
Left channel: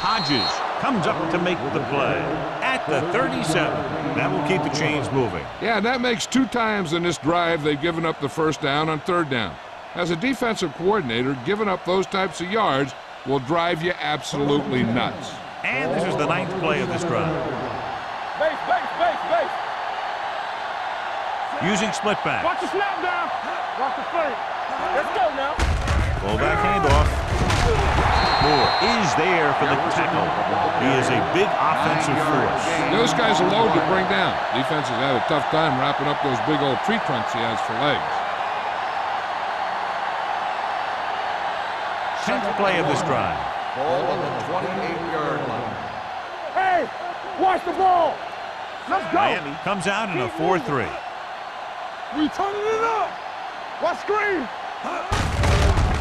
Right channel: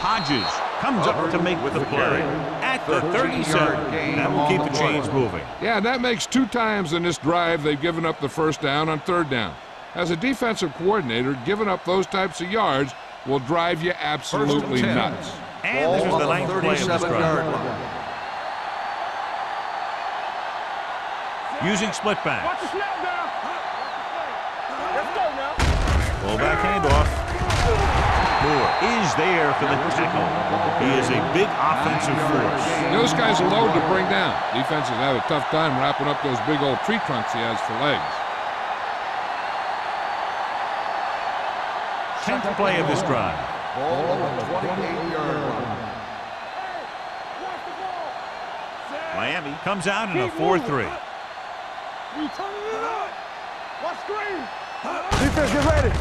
Hodges comes up to make the play at the 37. That will keep the chains moving. Yeah, that makes 2 times in this drive they've given up the first down on third down. As a defensive coordinator, giving up those types of yards will drive you absolutely nuts. And this is the 9th play of this drive. Using split back. Watch the snap down. Watch the play. Let's go now. Fullback handoff. Moore is there for the tackle. He is a big offensive force. Those guys are low to bring down. Defenses have a tough time wrapping up those big old tree trunks he has for legs. 10th play of this drive. Ball on the 28-yard line. Hey, watch the ball. Let's go. Miami comes out in a 4-3. We turning it up. Watch screen.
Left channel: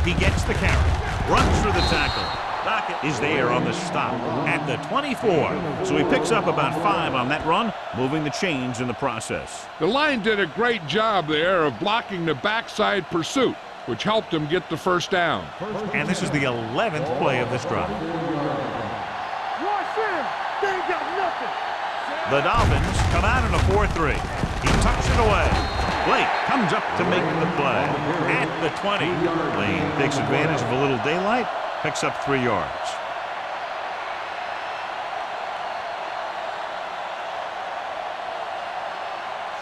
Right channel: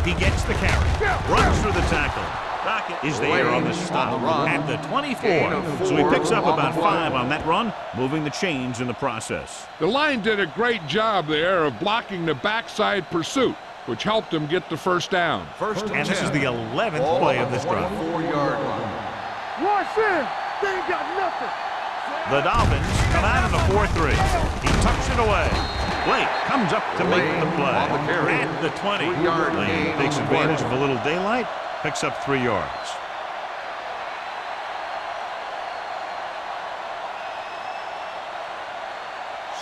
He gets the carry. Runs through the tackle. Dockett is there on the stop at the 24. So he picks up about 5 on that run, moving the chains in the process. The line did a great job there of blocking the backside pursuit, which helped him get the first down. And this is the 11th play of this drive. 4-yard line. Watch in. They ain't got nothing. The Dolphins come out in a 4-3. He tucks it away. Blake comes up to make the play at the 20. Lane takes advantage of a little daylight, picks up 3 yards.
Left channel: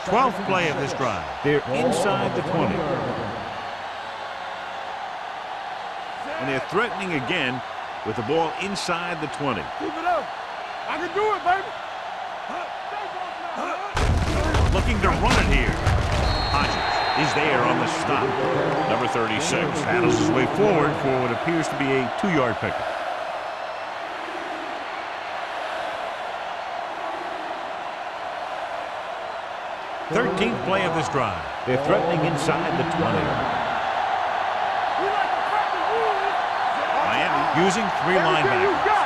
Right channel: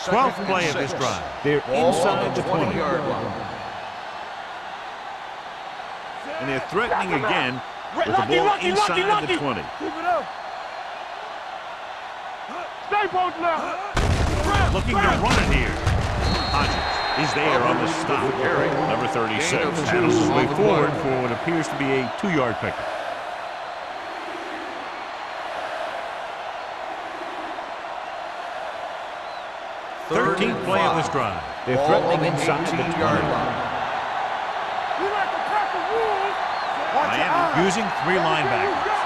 Twelfth play of this drive. They're inside the 20. And they're threatening again with the ball inside the 20. Keep it up. I can do it, baby. Stay both now. Looking to run it here. Hodges is there on the stop. Number 36 paddles his way forward for what appears to be a 2-yard pickup. Thirteenth play of this drive. They're threatening inside the 20. We like to practice rules. Miami using 3 linebackers.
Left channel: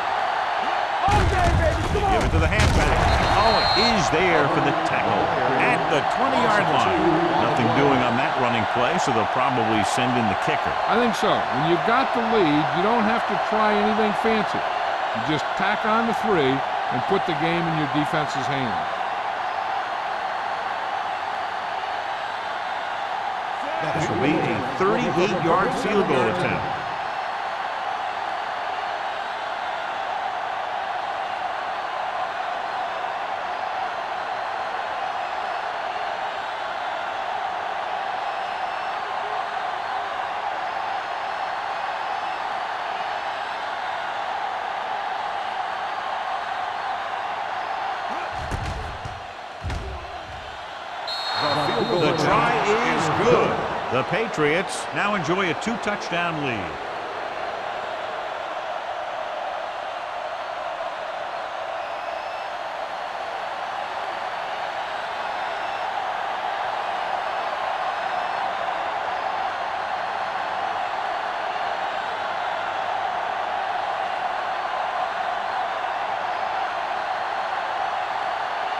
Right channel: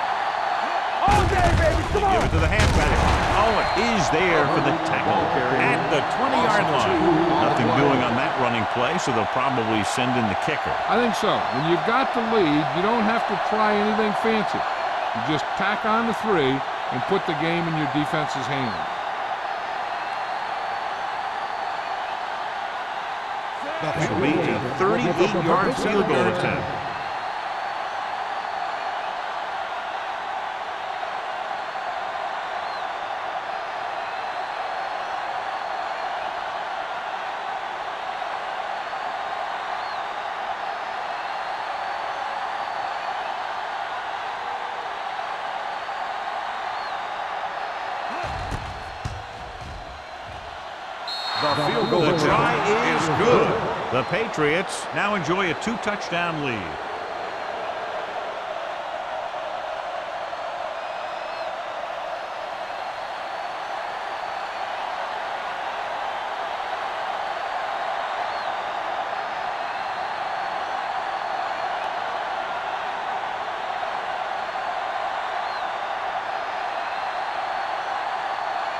All day, baby. Come on. Give it to the halfback. Owen is there for the tackle at the 20-yard line. Nothing doing on that running play, so they'll probably send in the kicker. I think so. When you've got the lead, you don't have to try anything fancy. You just tack on the 3 and put the game in your defense's hands. This will be a 38-yard field goal attempt. The field goal The attempt try is good. The Patriots now enjoy a 2-touchdown lead.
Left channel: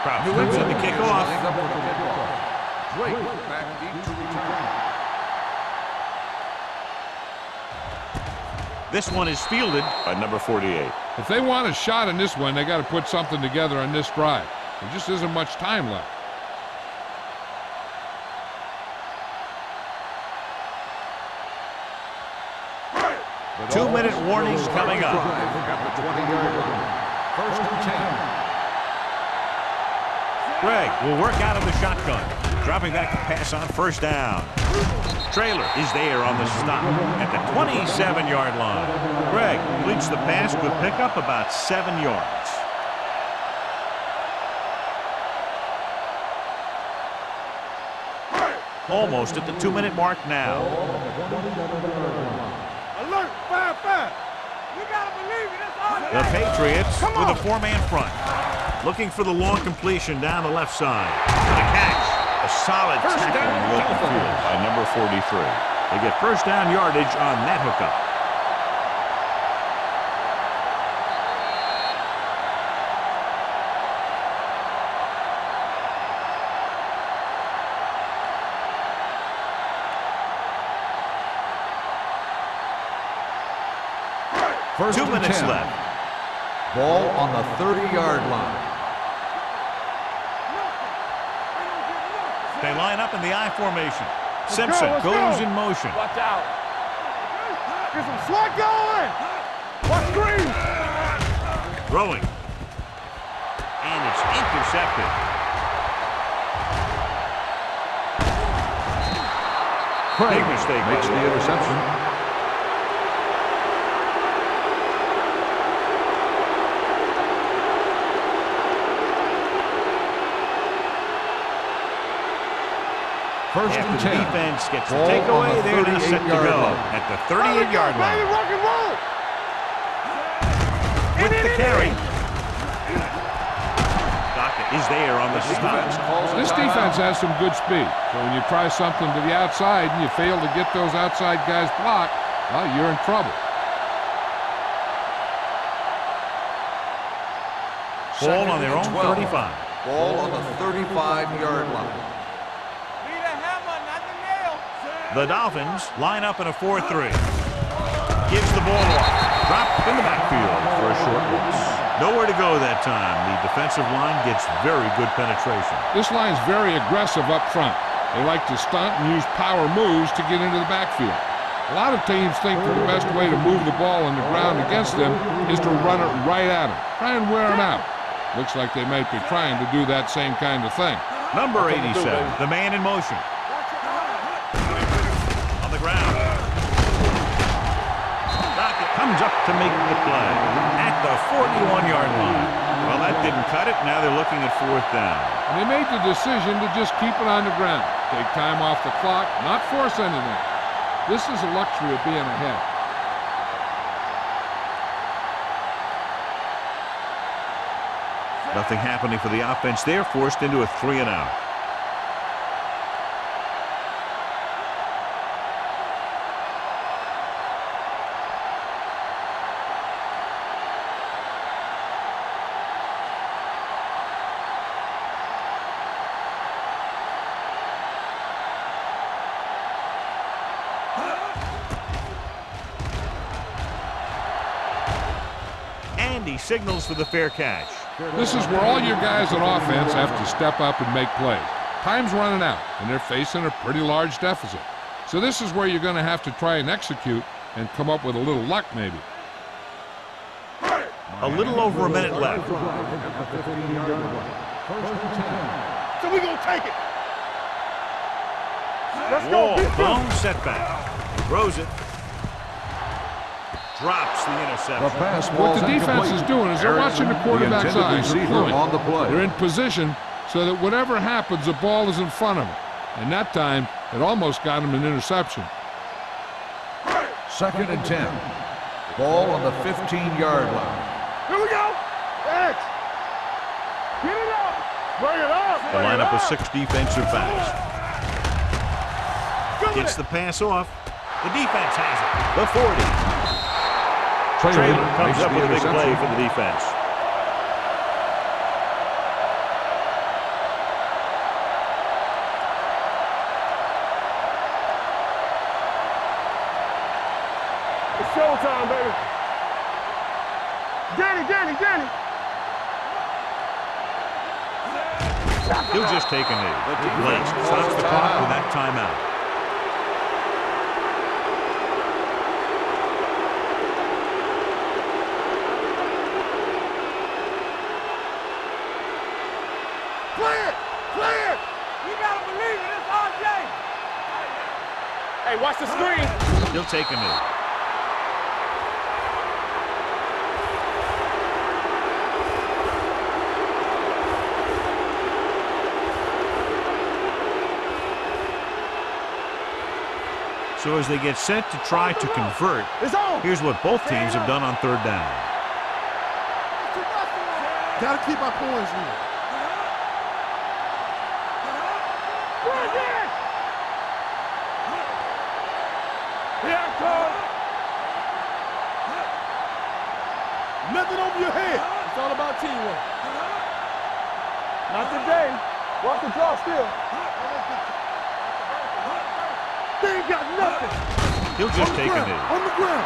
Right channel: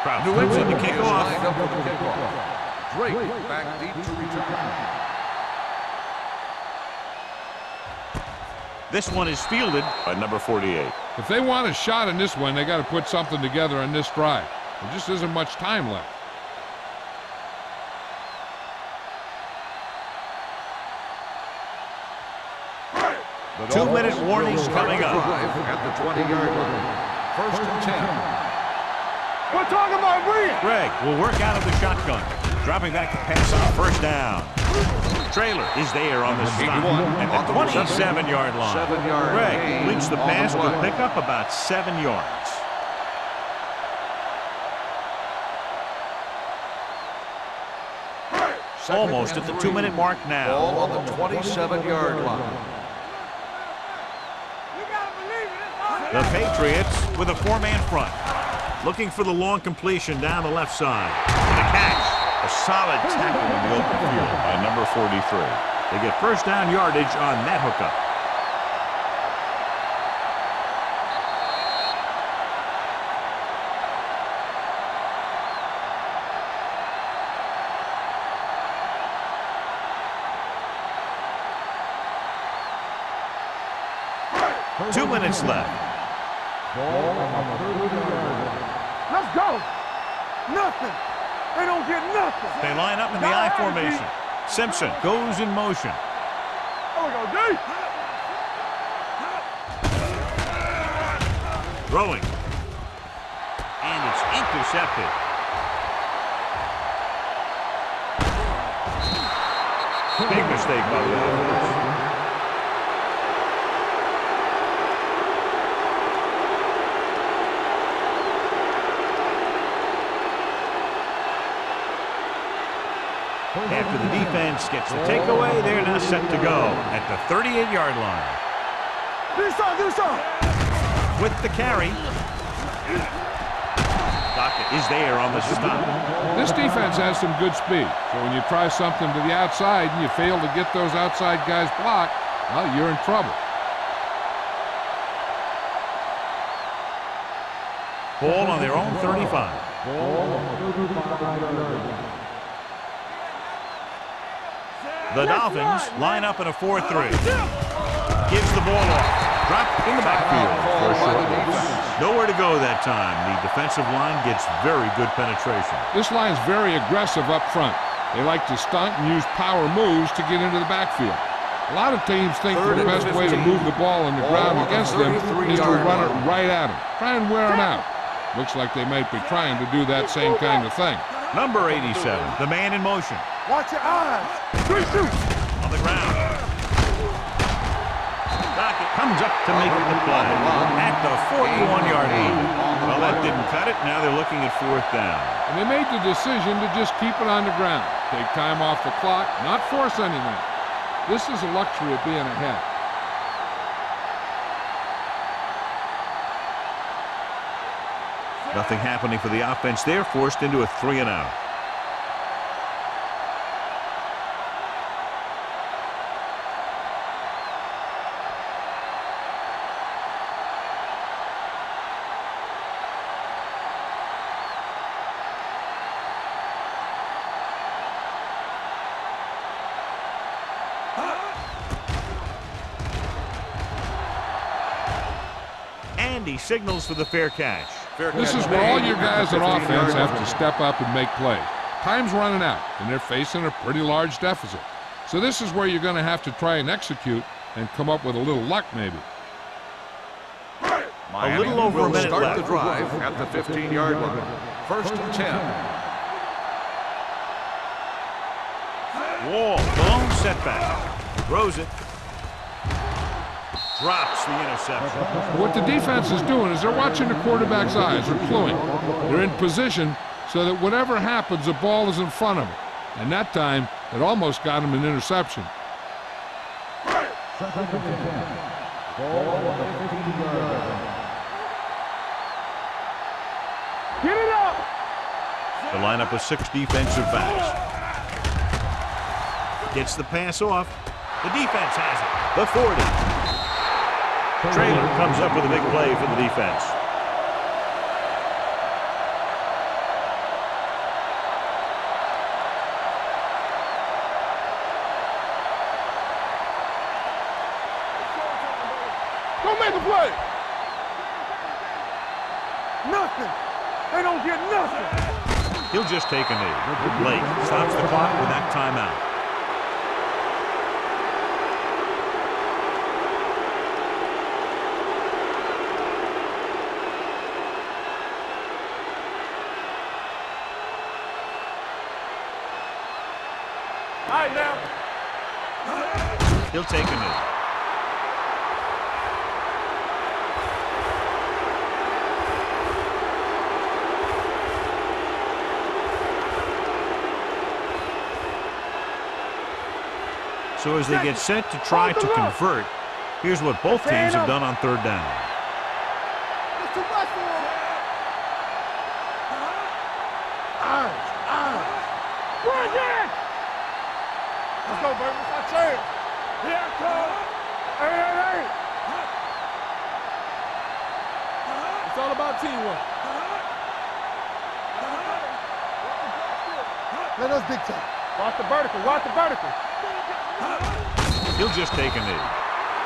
Crouch comes in to kick off. Lined up for the kickoff. Drake back deep to return. This one is fielded by number 48. If they want a shot in this one, they got to put something together on this drive. There just isn't much time left. The 2-minute Dolphins warning will start coming the up. drive at the 20-yard line. 1st and 10. We're talking about Reed. Greg will work out of the shotgun. Dropping back to pass on 1st down. Trailer is there on the stop at the 27-yard line. Greg completes the pass, good pickup, about 7 yards. Almost at the 2-minute mark now. Ball on the 27-yard line. Alert, 5-5. You gotta believe it. It's all The Patriots with a 4-man front. Looking for the long completion down the left side. For the catch. A solid tackle in the open field by number 43. They get 1st down yardage on that hookup. First 2 and minutes 10. left. Ball on the 30-yard line. Let's go. Nothing. They don't get nothing. They line up in the I formation. Simpson goes in motion. Watch out. Oh, D. Get some swat going. Watch Reed. Throwing. And it's intercepted. Big mistake by the offense. First After and the 10. defense gets the Ball on takeaway, the they're now set to 38-yard go line. at the 38-yard line. Rock and roll. Do something. With the carry. Dockett is there on the stop. This defense has some good speed, so when you try something to the outside and you fail to get those outside guys blocked, well, you're in trouble. Ball on their own 35. Ball on the 35-yard line. The Dolphins line up in a 4-3. Gives the ball off. Dropped in the backfield for a short loss. Nowhere to go that time. The defensive line gets very good penetration. This line's very aggressive up front. They like to stunt and use power moves to get into the backfield. A lot of teams think that the best way to move the ball on the ground against them is to run it right at them. Try and wear them out. Looks like they might be trying to do that same kind of thing. Number 87, the man in motion. Watch your eyes. On the ground. Dockett comes up to make the play at the 41-yard line. Well, that didn't cut it. Now they're looking at 4th down. And they made the decision to just keep it on the ground. Take time off the clock, not force anything. This is a luxury of being ahead. Nothing happening for the offense there, forced into a 3-and-out. And he signals for the fair catch. This is where all your guys on offense have to step up and make plays. Time's running out, and they're facing a pretty large deficit. So this is where you're going to have to try and execute and come up with a little luck, maybe. A little over a minute Start left. the drive at the 15-yard line. 1st and 10. So we gonna take it. Wall, blown setback. Throws it. Drops the interception. What the defense is doing is they're watching the quarterback's eyes. They're cluing. They're in position so that whatever happens, the ball is in front of him. And that time, it almost got him an interception. 2nd and 10. Ball on the 15-yard line. Here we go. X. Get it up. Bring it up. The lineup of 6 defensive backs. Gets the pass off. The defense has it. The 40. Traylor comes up with a big play for the defense. It's showtime, baby. Go make a play. Danny. Nothing. They don't get nothing. He'll just take a knee. Late stops the clock with that timeout. Clear. You gotta believe it. It's RJ. All right, now. Hey, watch the screen. He'll take a knee. So as they get set to try to convert, here's what both teams have done on 3rd down. It's too much for him. Gotta keep our points here. Bring it! Let's go, baby. It's our chance. Here I come. Hey. Nothing over your head. It's all about teamwork. Not today. Watch the draw still. Let us dictate. Watch the vertical. They ain't got nothing. He'll just take a knee. On the ground.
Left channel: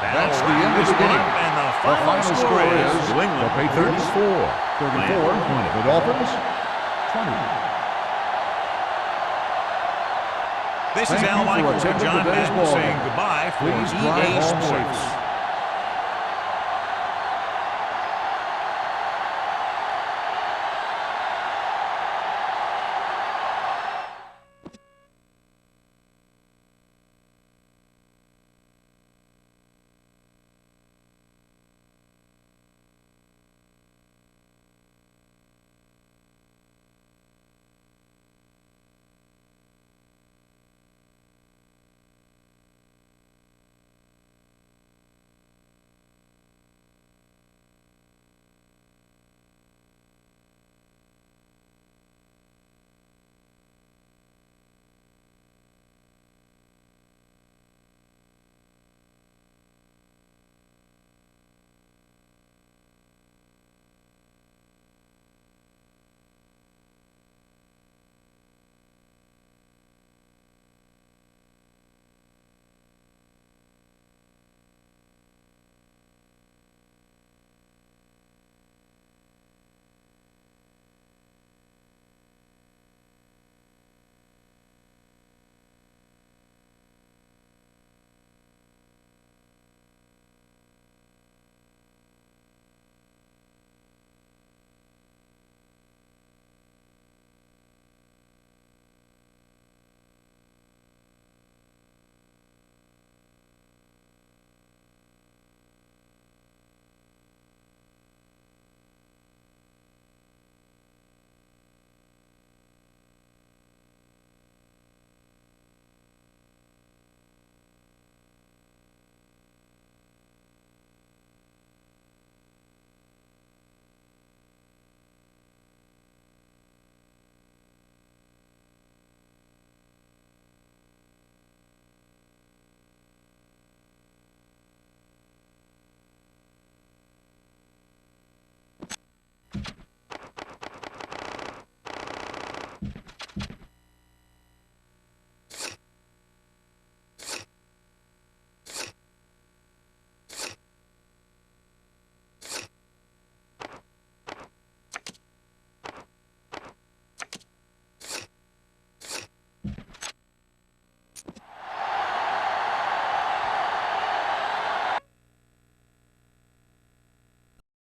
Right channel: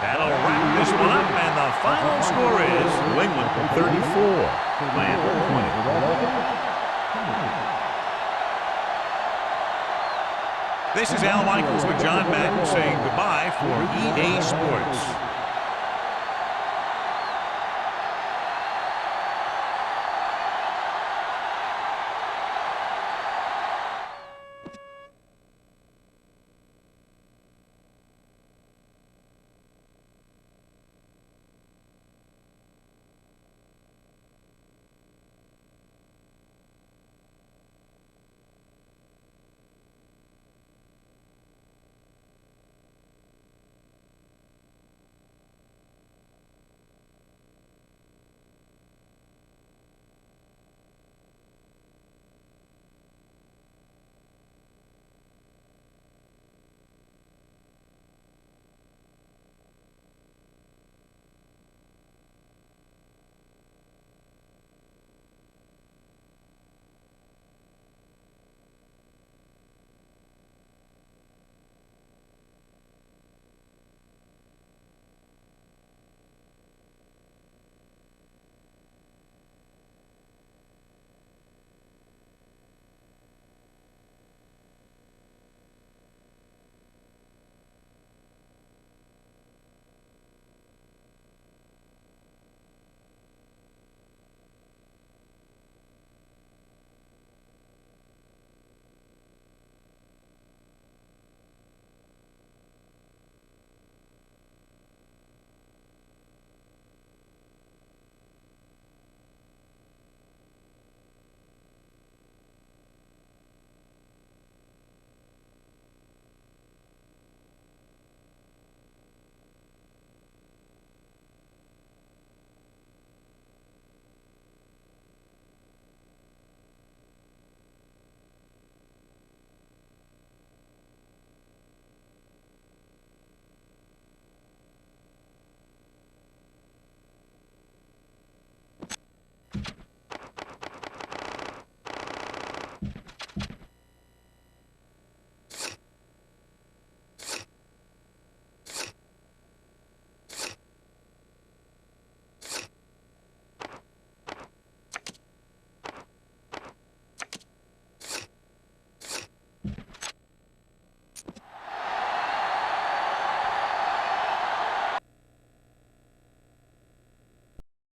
That'll wrap this one up, and the final score is New England 34, Miami 20. The Dolphins, 20. This is Al Michaels with John Madden saying goodbye for EA Sports.